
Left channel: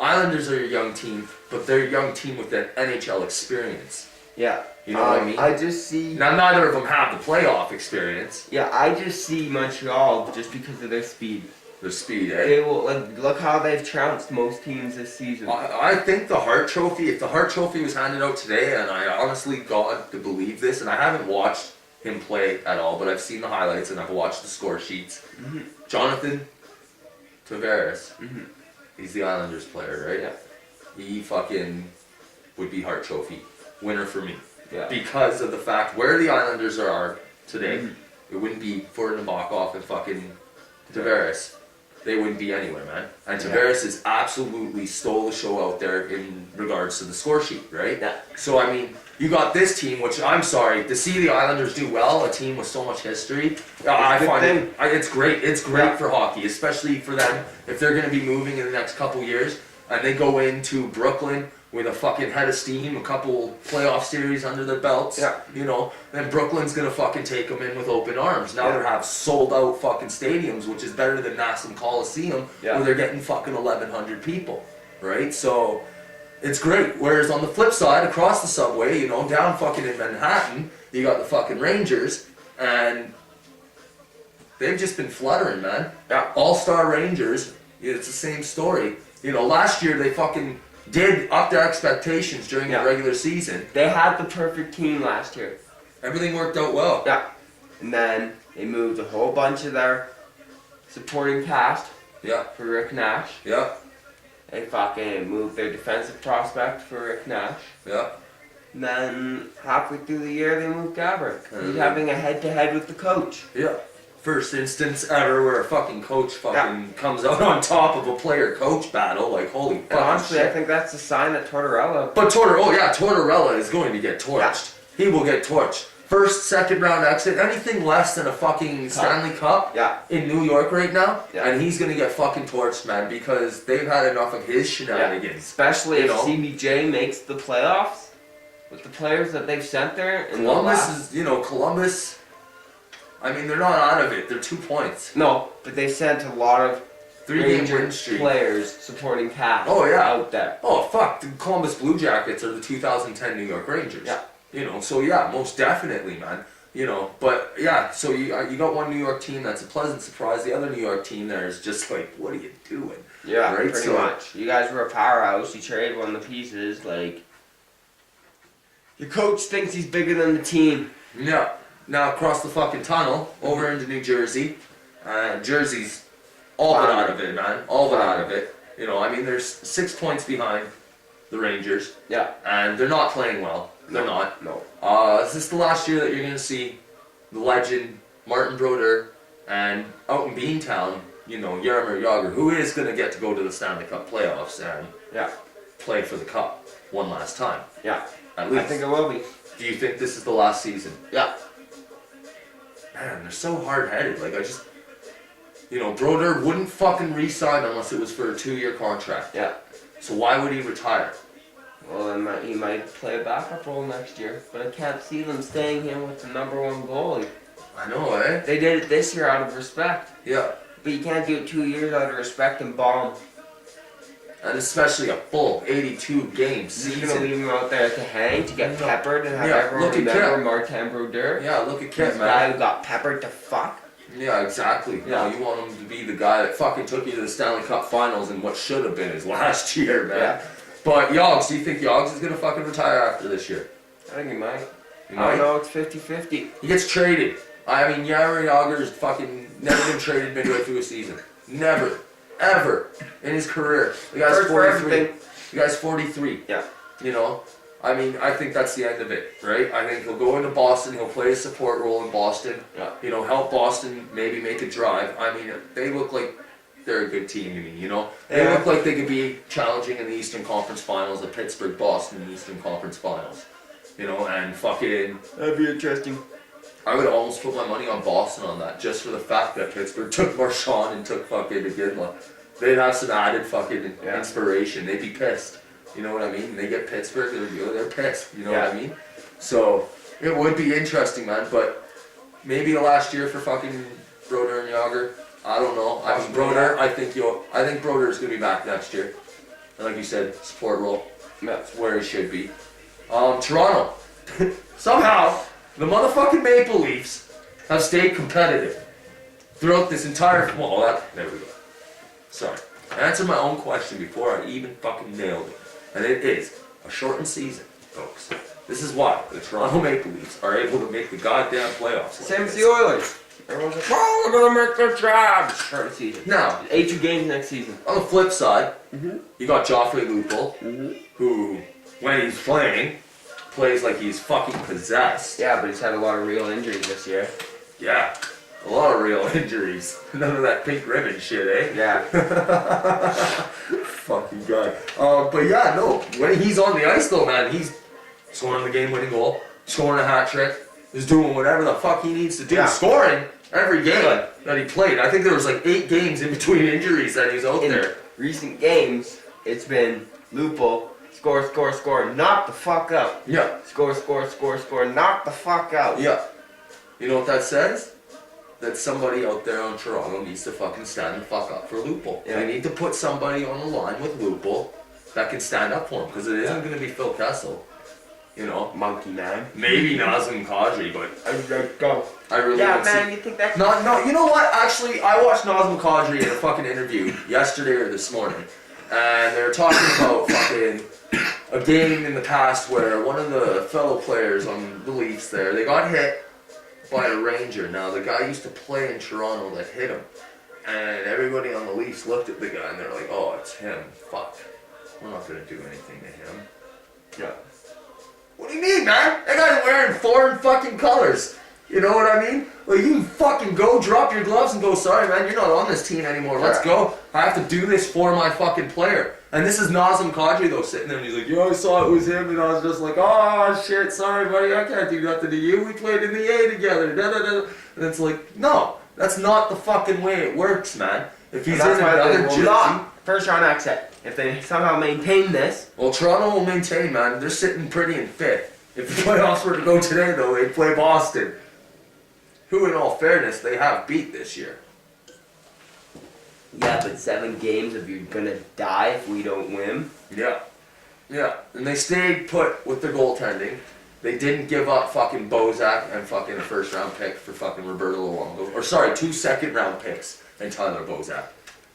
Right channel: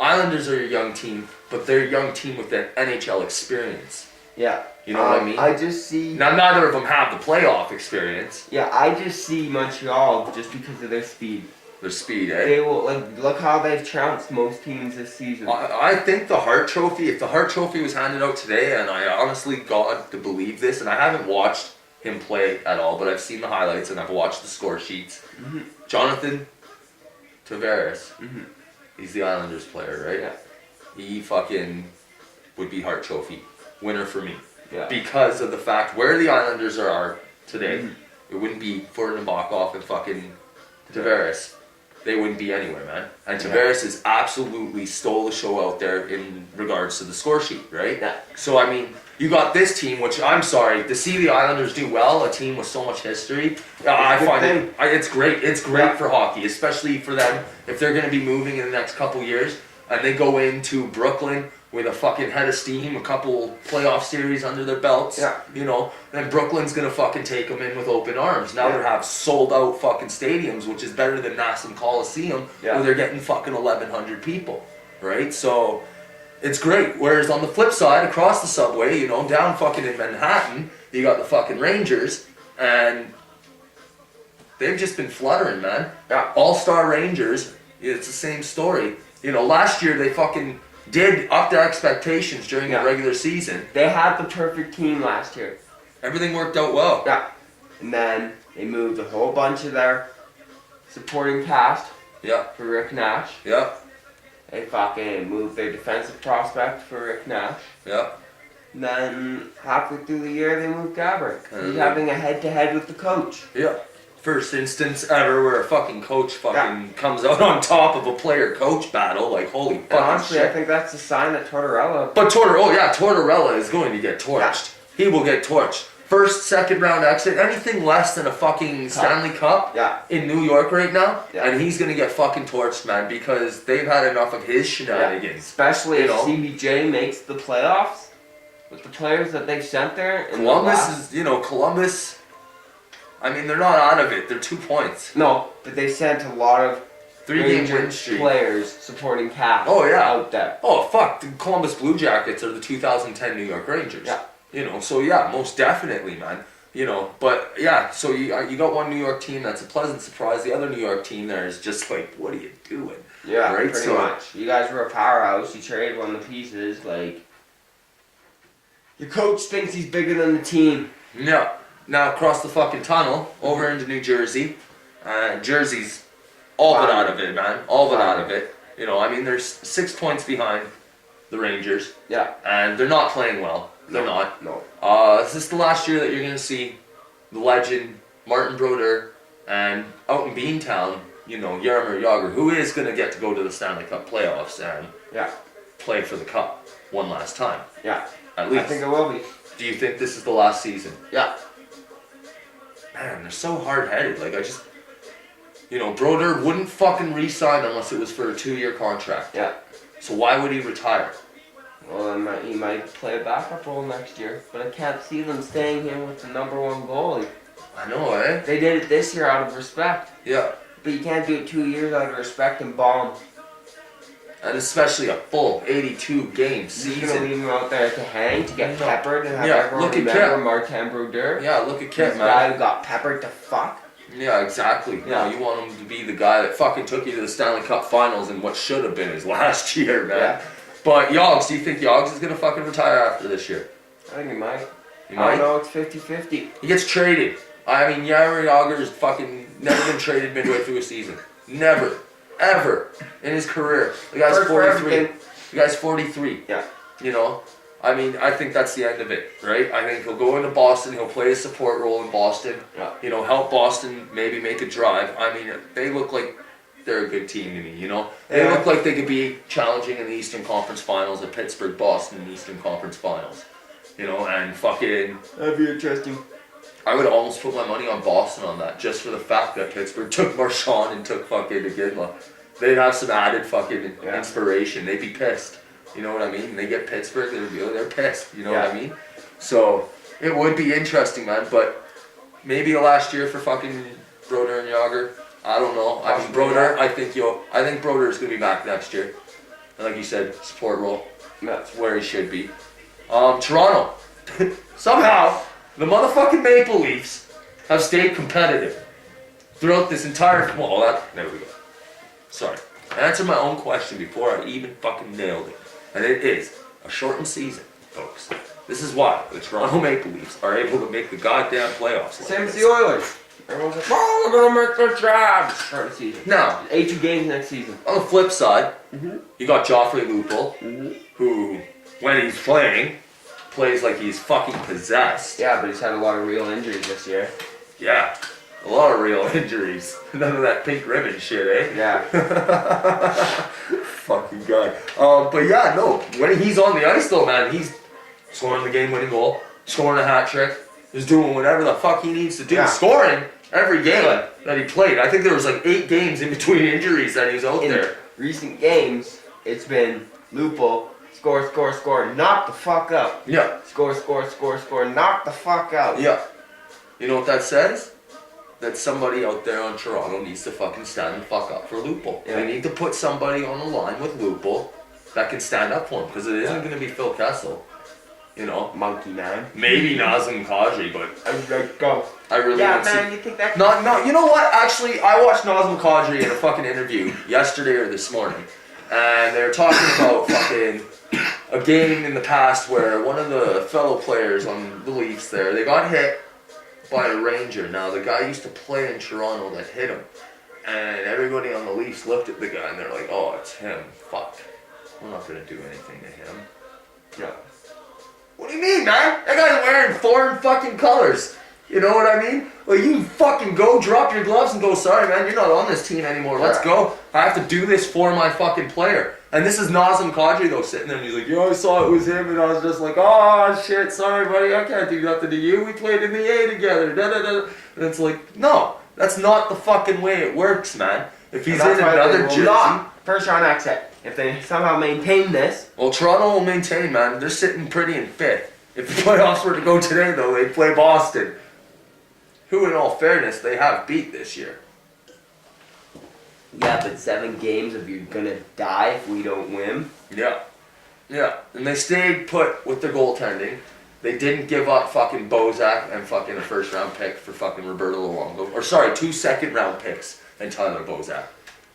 Islanders are a young team, but they're a young team with that NHL experience. Yeah. You know what I mean? I just see... Now, neither of them have the playoff experience. Yeah, I just see Montreal just because of their speed. Their speed, eh? They will, look how they've trounced most teams this season. I think the Hart Trophy, if the Hart Trophy was handed out today, and I honestly got to believe this, and I haven't watched him play at all, but I've seen the highlights and I've watched the score sheets. Mm-hmm. Jonathan Tavares, Mm-hmm. he's the Islanders player, right? Yeah. He fucking would be Hart Trophy winner for me. Yeah. Because of the fact where the Islanders are today, Mm-hmm. it wouldn't be for Nabokov and fucking Tavares. They wouldn't be anywhere, man. And Tavares has absolutely stole the show out there in regards to the score sheet, right? Yeah. So, I mean, you got this team, which I'm sorry, to see the Islanders do well, a team with so much history, I find it's great. It's great for hockey, especially for them if they're going to be moving in the next couple years and they go into Brooklyn with a fucking head of steam, a couple playoff series under their belts, you know, then Brooklyn's gonna fucking take them in with open arms. Now they have sold out fucking stadiums, which is better than Nassau Coliseum, where they're getting fucking 1,100 people, right? So, it's great. Whereas on the flip side, across the subway, you know, down fucking in Manhattan, you got the fucking Rangers, and they've just been fluttering, man. Yeah. All-star Rangers, it's the same story. You know, last year they fucking did up their expectations during the regular season. They had the perfect team last year. Everything worked out well. Yeah. And then they moved a whole bunch of their supporting cast for Rick Nash. Yeah. They fucking moved their defensive prospect for Rick Nash. Yeah. And then halfway through the year they moved Gabrick. He's having a head-to-head with the coach. Yeah. First instance ever where a fucking coach fucking comes out on top of a player-coach battle. Like, holy fucking honestly, shit. I think that's a sign that Tortorella... But Tortorella is going to get torched. Yeah. He will get torched. First, second round exit, anything less than a fucking Stanley Cup in New York right now, and he's going to get fucking torched, man, because they've had enough of his shenanigans. Especially if CBJ makes the playoffs with the players that they've sent there. Columbus... I mean, they're not out of it. They're 2 points. No, but they sent a lot of 3-game win streak players supporting cast out there. Oh, fuck. The Columbus Blue Jackets are the 2010 New York Rangers. Yeah. You know, so most definitely, man. You know, but so you got one New York team that's a pleasant surprise. The other New York team there is just like, what are you doing? Yeah, right? Pretty much. You guys were a powerhouse. You traded one of the pieces. Like, the coach thinks he's bigger than the team. Yeah. Now across the fucking tunnel, over into New Jersey. Jersey's all but out of it, man. All but out of it. You know, I mean, there's 6 points behind the Rangers. Yeah. And they're not playing well. They're not. No. Is this the last year that you're going to see the legend Martin Brodeur and out in Beantown, you know, Jaromir Jagr, who is going to get to go to the Stanley Cup playoffs and play for the Cup one last time? Yeah. At least. I think it will be. Do you think this is the last season? Yeah. Man, they're so hard-headed. Like, Brodeur wouldn't fucking re-sign unless it was for a 2-year contract. Yeah. So why would he retire? Well, then he might play a backup role next year, but I can't see them staying him with the #1 goalie. I know, eh? They did it this year out of respect. Yeah. But you can't do it 2 years out of respect and bomb. And especially a full 82-game season. You're going to leave him out there to hang, to get peppered, and have everyone remember Martin Brodeur? Yeah, look at Kip, man. This guy who got peppered to fuck? Yeah, exactly. Yeah. No, you want him to be the guy that fucking took you to the Stanley Cup Finals in what should have been his last year, man. Yeah. But Yogs, do you think Yogs is going to fucking retire after this year? I think he might. He might? I don't know, it's 50-50. He gets traded. I mean, Jaromir Jagr has fucking never been traded midway through a season. Never. Ever. In his career. The guy's 43. The guy's 43. Yeah. You know? I mean, I think that's the end of it, right? I think he'll go into Boston, he'll play a support role in Boston, you know, help Boston maybe make a drive. I mean, they look like they're a good team to me, you know? They look like they could be challenging in the Eastern Conference Finals, the Pittsburgh-Boston Eastern Conference Finals, you know, and fucking... That'd be interesting. I would almost put my money on Boston on that, just for the fact that Pittsburgh took Marchand and took fucking Iginla. They'd have some added fucking inspiration. They'd be pissed. You know what I mean? They get Pittsburgh, they're pissed. You know what I mean? So, it would be interesting, man. But maybe the last year for fucking Brodeur and Jagr. I don't know. I mean, Brodeur, I think Brodeur is going to be back next year. And like you said, support role. That's where he should be. Toronto. Somehow, the motherfucking Maple Leafs have stayed competitive throughout this entire... there we go. Sorry. I answered my own question before I even fucking nailed it. And it is a shortened season, folks. This is why the Toronto Maple Leafs are able to make the goddamn playoffs. Same as the Oilers. Everyone's like, oh, we're gonna make the job. Start the season. Now, 82 games next season. on the flip side, you got Joffrey Lupul, who, when he's playing, plays like he's fucking possessed. Yeah, but he's had a lot of real injuries this year. Yeah, a lot of real injuries. None of that pink ribbon shit, eh? Yeah. Fucking guy. But yeah, no, when he's on the ice though, man, he's scoring the game-winning goal, scoring a hat trick, he's doing whatever the fuck he needs to do, scoring every game that he played. I think there was like 8 games in between injuries that he was out there. Recent games, it's been Lupul, score, knock the fuck out. Yeah. Score, knock the fuck out. Yeah. You know what that says? That somebody out there on Toronto needs to fucking stand the fuck up for Lupul. Yeah. They need to put somebody on the line with Lupul that can stand up for him, because it isn't going to be Phil Kessel. You know? Monkey man. Maybe Nazem Kadri, but Go. I really Yeah, don't man, see... you think that... No, you know what? Actually, I watched Nazem Kadri in a fucking interview yesterday or this morning, and they were talking about fucking a game in the past where one of the fellow players on the Leafs there, they got hit by a Ranger. Now, the guy used to play in Toronto that hit him, and everybody on the Leafs looked at the guy and they're like, oh, it's him. Fuck. We're not going to do anything to him. Yeah. What do you mean, man? That guy's wearing foreign fucking colors. You know what I mean? Well, you fucking go, drop your gloves and go, sorry, man, you're not on this team anymore. Let's go. I have to do this for my fucking player. And this is Nazem Kadri, though, sitting there, and he's like, yeah, I saw it was him, and I was just like, oh, shit, sorry, buddy, I can't do nothing to you. We played in the A together, da-da-da. And it's like, no, that's not the fucking way it works, man. If he's in another jersey... First round exit. If they somehow maintain this... Well, Toronto will maintain, man. They're sitting pretty in 5th. If the playoffs were to go today, though, they'd play Boston, who, in all fairness, they have beat this year. Yeah, but 7 games if you're gonna die if we don't win. Yeah. Yeah. And they stayed put with their goaltending. They didn't give up fucking Bozak and fucking a first round pick for fucking Roberto Luongo. Or sorry, 2 second round picks and Tyler Bozak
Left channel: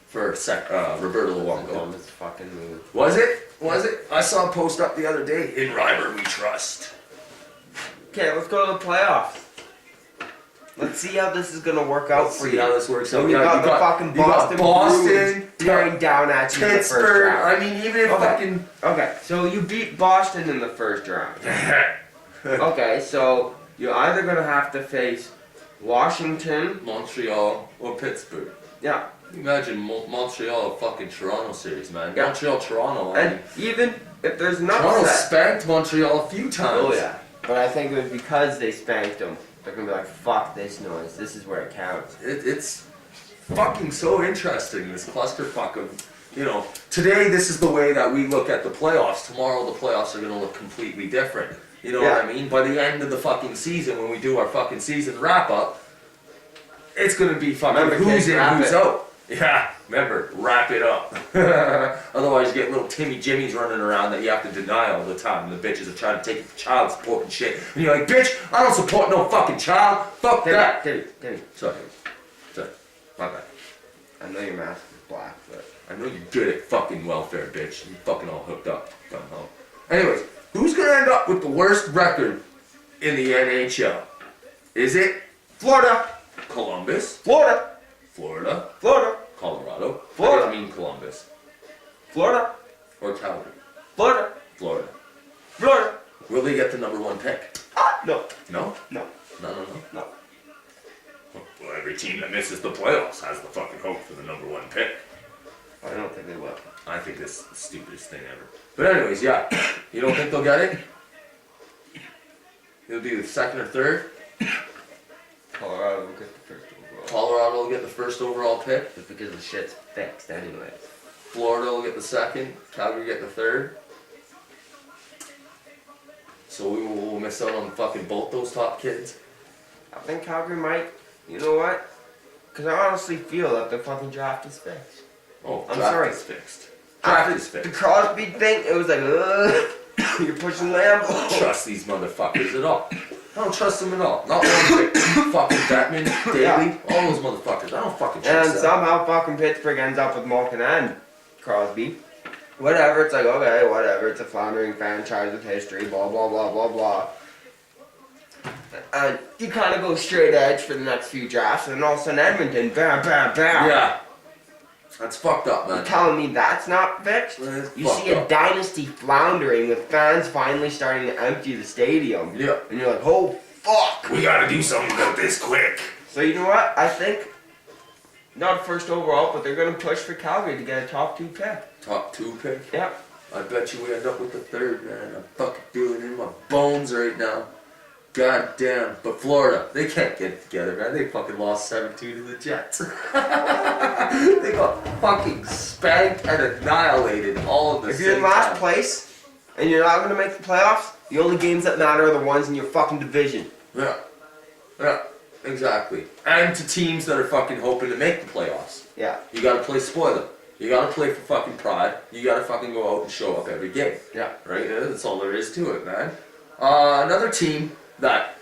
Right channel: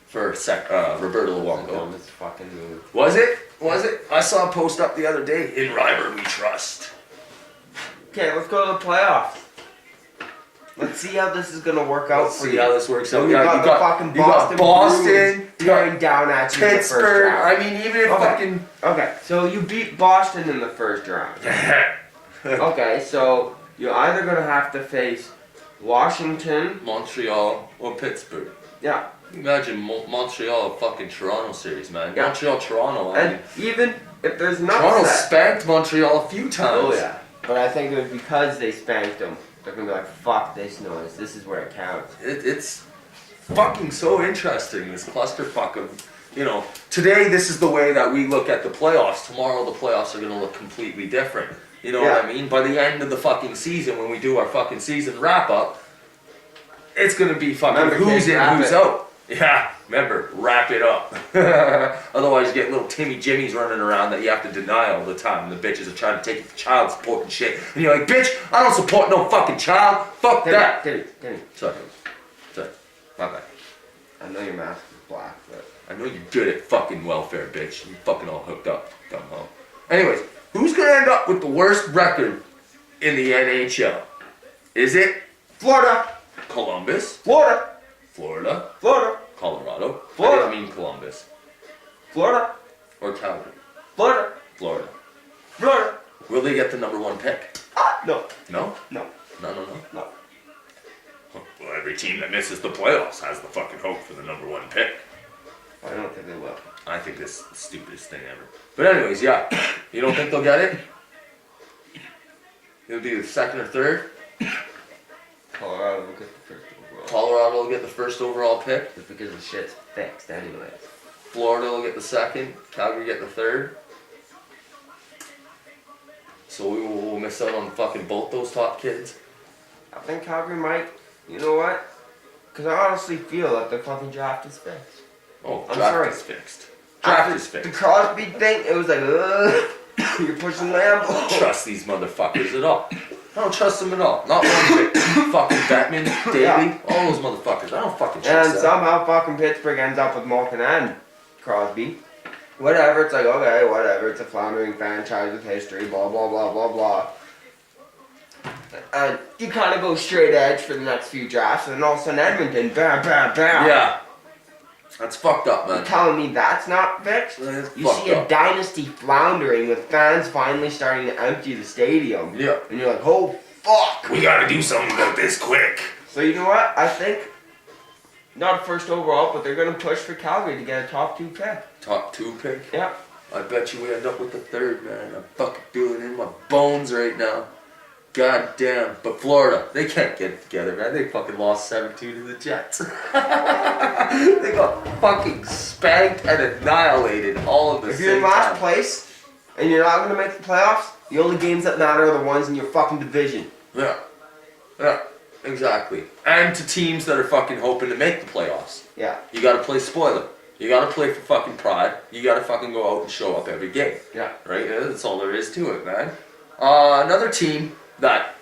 for Roberto Luongo. Dumbest fucking move. Was it? Was it? I saw a post up the other day. In Ryber we trust. Okay, let's go to the playoffs. Let's see how this is gonna work out for you. See how this works out. You got the fucking Boston tearing down at you in the first Pittsburgh. round. I mean, even if fucking... Okay, so you beat Boston in the first round. Okay, so you're either gonna have to face Washington, Montreal, or Pittsburgh. yeah, Imagine Montreal fucking Toronto series, man. Yeah. Montreal, Toronto. and even if there's an Toronto upset. spanked Montreal a few times. Oh yeah, but I think it was because they spanked them. They're gonna be like, fuck this noise. This is where it counts. It's fucking so interesting, this clusterfuck of, you know, today this is the way that we look at the playoffs. Tomorrow the playoffs are gonna look completely different. You know what I mean? By the end of the fucking season, when we do our fucking season wrap up, it's gonna be fucking who's in, who's out. Yeah, remember, wrap it up. Otherwise you get little Timmy Jimmies running around that you have to deny all the time. And the bitches are trying to take you for child support and shit. And you're like, bitch, I don't support no fucking child. Fuck that. Timmy. Sorry. My bad. I know your mask is black, but... I know you're good at fucking welfare, bitch. You fucking all hooked up. Dumb hoe. Anyways, who's gonna end up with the worst record in the NHL? Is it Florida! Columbus? Florida! Florida? Florida! Colorado? Florida. I didn't mean Columbus. Florida! Or Calgary? Florida! Florida. Florida! Will they get the number 1 pick? No. No? No. No. Well, every team that misses the playoffs has the fucking hope for the number 1 pick. I don't think they will. I think this is the stupidest thing ever. But anyways, yeah. You don't think they'll get it? It'll be the 2nd or 3rd? Colorado will get the first overall. Colorado will get the 1st overall pick. Just because the shit's fixed anyways. Florida will get the 2nd. Calgary get the 3rd. So we will miss out on fucking both those top kids. I think Calgary might. You know what? Because I honestly feel that the fucking draft is fixed. Oh, I'm draft sorry. is fixed. Draft is The fixed. Crosby thing, it was like, you're pushing I don't Lambo. trust these motherfuckers at all. I don't trust them at all. Not one bit. Fucking Batman, Daly, all those motherfuckers. I don't fucking And trust them. somehow fucking Pittsburgh ends up with Malkin and Crosby. Whatever, it's like, okay, whatever. It's a floundering franchise with history, blah, blah, blah, blah, blah. And you kind of go straight edge for the next few drafts, and then all of a sudden Edmonton, bam, bam, bam. Yeah. That's fucked up, man. You're telling me that's not fixed? You see a dynasty floundering with fans finally starting to empty the stadium. Yeah. And you're like, oh, fuck. We gotta do something about this quick. So you know what? I think, not first overall, but they're going to push for Calgary to get a top 2 pick. Top 2 pick? Yeah. I bet you we end up with the 3rd, man. I'm fucking feeling it in my bones right now. God damn. But Florida, they can't get it together, man. They fucking lost 7-2 to the Jets. They got fucking spanked and annihilated all of the If you're in last place and you're not going to make the playoffs, the only games that matter are the ones in your fucking division. Yeah. Yeah. Exactly. And to teams that are fucking hoping to make the playoffs. Yeah. You gotta play spoiler. You gotta play for fucking pride. You gotta fucking go out and show up every game. Yeah. Right? That's all there is to it, man. Another team that,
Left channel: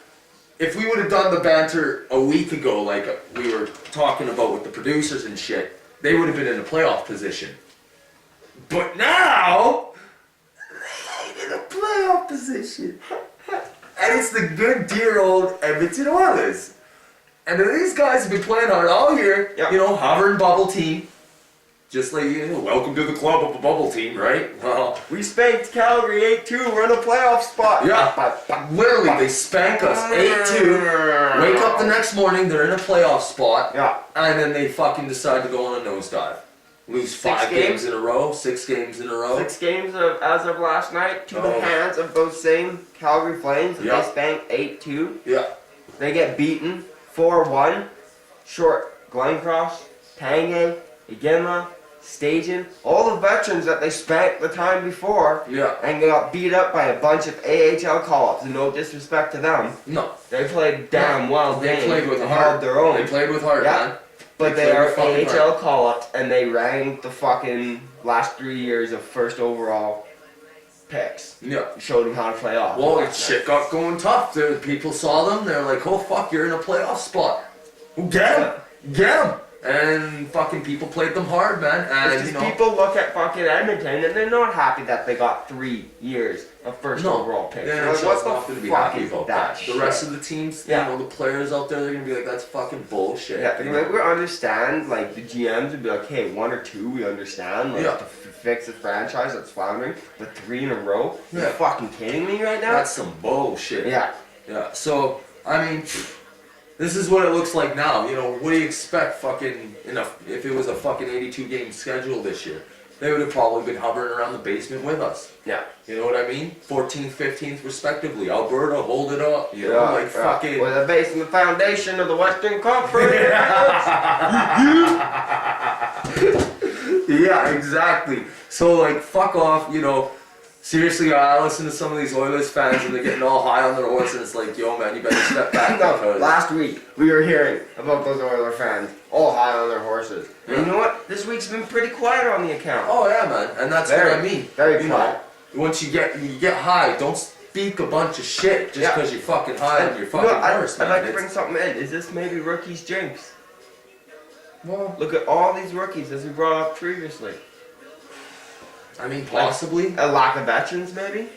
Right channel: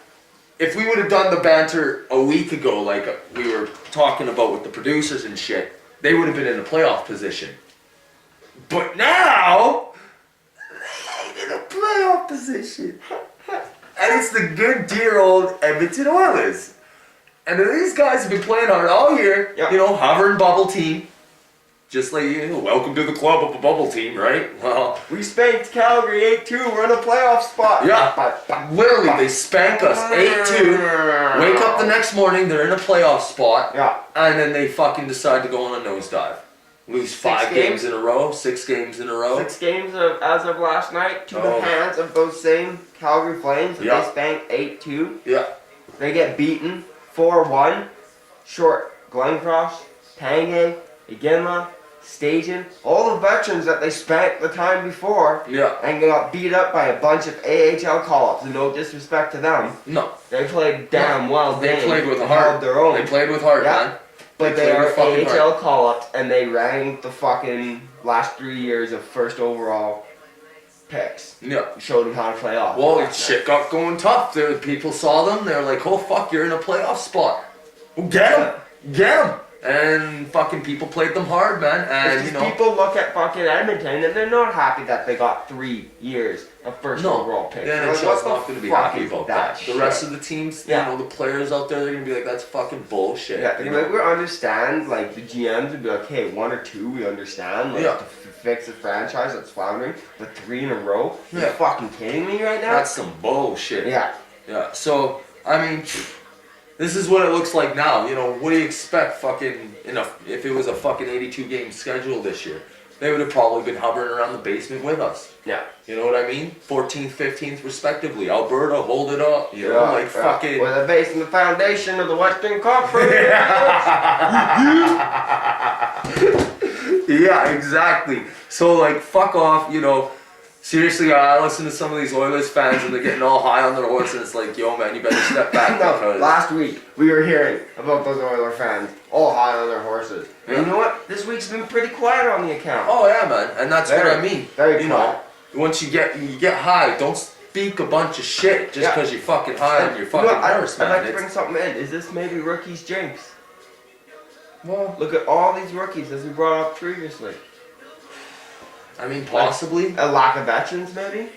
if we would have done the banter a week ago, like we were talking about with the producers and shit, they would have been in a playoff position. But now, they ain't in a playoff position. And it's the good, dear old Edmonton Oilers. And these guys have been playing hard all year, Yep. you know, hovering bubble team. Just like, you know, welcome to the club of a bubble team, right? Well, We spanked Calgary 8-2. We're in a playoff spot. yeah, literally, they spank us 8-2. Wake up the next morning, they're in a playoff spot. Yeah. And then they fucking decide to go on a nosedive. Lose 5 games games in a row, 6 games in a row. 6 games as of last night to Oh. the hands of those same Calgary Flames. And Yeah. they spanked 8-2. Yeah. They get beaten 4-1. Short, Glencross, Tanguay, Iginla, Stajan, all the veterans that they spanked the time before, Yeah. and got beat up by a bunch of AHL call-ups. And no disrespect to them, No. they played damn well. They played with and heart. held their own. They played with heart, Yeah. man. But They they played are with fucking AHL call-ups, and they ranked the fucking last 3 years of first overall picks. Yeah. Showed them how to play off. Well, shit got going tough. People saw them. They're like, "Oh fuck, you're in a playoff spot. Well, get them, get them." And fucking people played them hard, man. And It's you just know, people look at fucking Edmonton and they're not happy that they got 3 years of first overall picks. yeah, They're like, NHL's what not the going to be fuck happy is about that that. shit? The rest of the teams, Yeah. you know, the players out there, they're going to be like, "That's fucking bullshit." Yeah, you they're like, know? we understand, like, the GMs would be like, hey, 1 or 2, we understand, like, Yeah. to fix a franchise that's floundering, but 3 in a row? Yeah. You're fucking kidding me right now? That's some bullshit. Yeah. Yeah. So I mean, this is what it looks like now. You know, what do you expect? Fucking if it was a fucking 82 game schedule this year, they would have probably been hovering around the basement with us. Yeah. You know what I mean? 14th, 15th, respectively. Alberta, hold it up. You know, like fucking. With a base in the foundation of the Western Conference. Yeah, exactly. So like, fuck off. You know. Seriously, I listen to some of these Oilers fans and they're getting all high on their horse, and it's like, yo, man, you better step back. No, because last week we were hearing about those Oiler fans all high on their horses. And you know what? This week's been pretty quiet on the account. Oh yeah, man, and that's what I mean. Very you quiet. know, once you get high, don't speak a bunch of shit just because you're fucking high and you're fucking nervous, man. I'd like to bring something in. Is this maybe rookie's jinx? Well, Look at all these rookies as we brought up previously. I mean, possibly. A lack of veterans, maybe?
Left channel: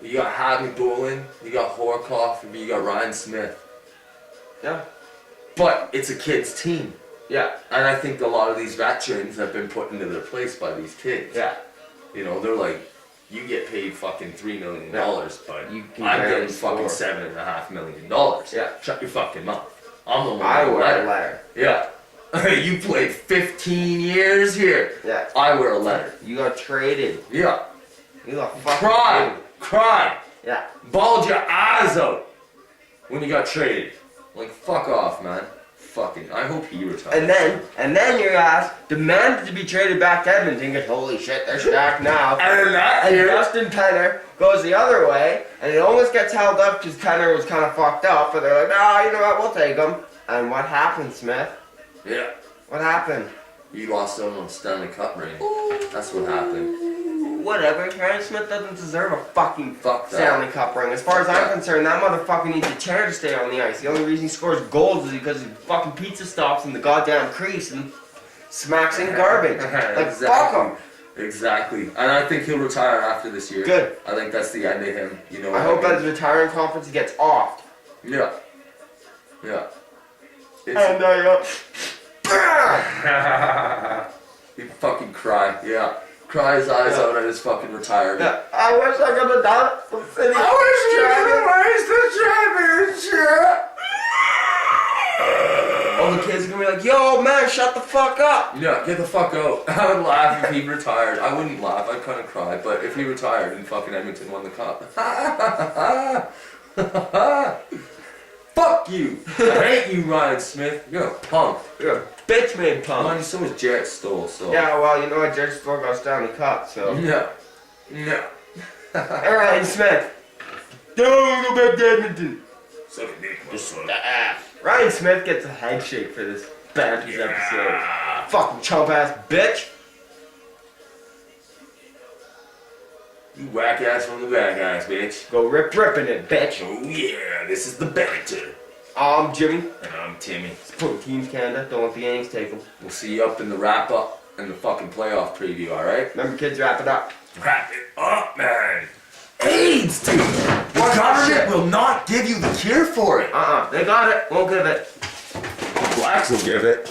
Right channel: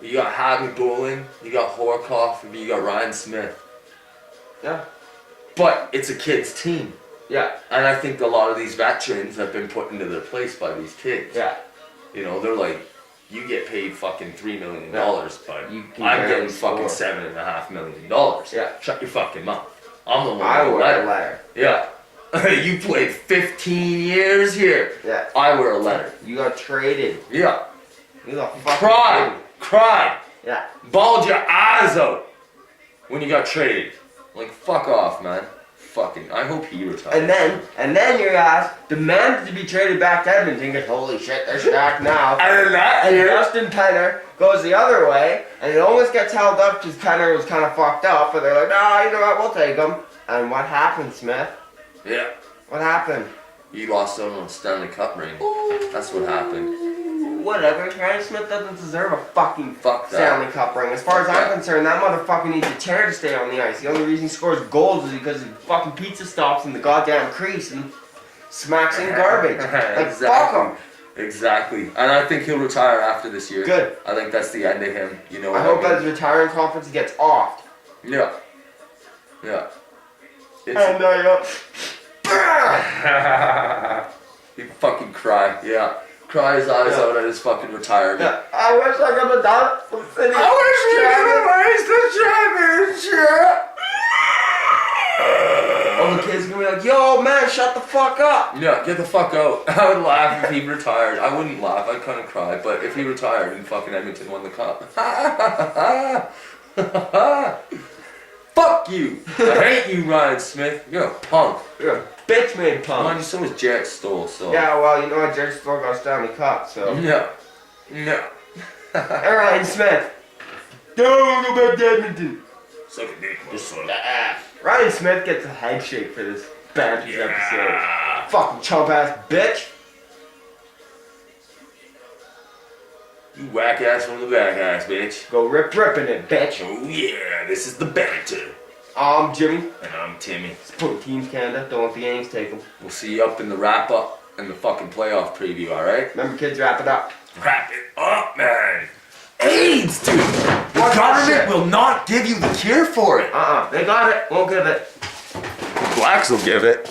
You got Javi Bulin, you got Horkoff, you got Ryan Smith. Yeah. But it's a kid's team. Yeah. And I think a lot of these veterans have been put into their place by these kids. Yeah. You know, they're like, you get paid fucking $3 million, but You can I'm barely getting fucking score. $7.5 million. Yeah. Shut your fucking mouth. I'm the one I with the wear a letter. Yeah. You played 15 years here. Yeah. I wear a letter. You got traded. Yeah. You got fucking Cried. traded. Cried. Yeah. Bawled your eyes out when you got traded. Like, fuck off, man. Fucking, I hope he retires. And then your ass demanded to be traded back to Edmonton because holy shit, they're stacked now. And then that And year, Justin Penner goes the other way, and it almost gets held up because Penner was kind of fucked up, but they're like, nah, you know what, we'll take him. And what happened, Smith? yeah, What happened? you lost out on a Stanley Cup ring. That's what happened. Whatever, Ryan Smith doesn't deserve a fucking Fuck that. Stanley Cup ring. As far as Fuck I'm that. concerned, that motherfucker needs a chair to stay on the ice. The only reason he scores goals is because his fucking pizza stops in the goddamn crease and smacks in garbage. Like, Exactly. fuck him. Exactly. And I think he'll retire after this year. Good. I think that's the end of him. You know what I hope mean? at his retiring conference he gets offed. Yeah. Yeah. And He'd fucking cry. Yeah. Cry his eyes out at his fucking retirement. yeah, I wish I could have done it. I wish we could have raised the championship. All the kids are gonna be like, yo, man, shut the fuck up. Yeah, get the fuck out. I would laugh if he retired. I wouldn't laugh, I'd kind of cry. But if he retired and fucking Edmonton won the cup. Fuck you. I hate you, Ryan Smith. You're a punk. You're a bitch made punk. Mind you, so was Jarrett Stoll, so. Yeah, well, you know what? Jared still got Stanley Cup, so. No. No. Ryan Smith. Don't go back to Edmonton. Suck a dick, motherfucker. Ryan Smith gets a head shake for this Badgers episode. Fucking chump ass bitch. You whack ass from the back ass, bitch. Go ripping it, bitch. Oh yeah, this is the banter. I'm Jimmy. And I'm Timmy. Supporting Teams Canada. Don't let the Yanks take them. We'll see you up in the wrap up and the fucking playoff preview, alright? Remember, kids, wrap it up. Wrap it up, man. AIDS, dude. The government will not give you the cure for it. They got it. Won't give it. The blacks will give it.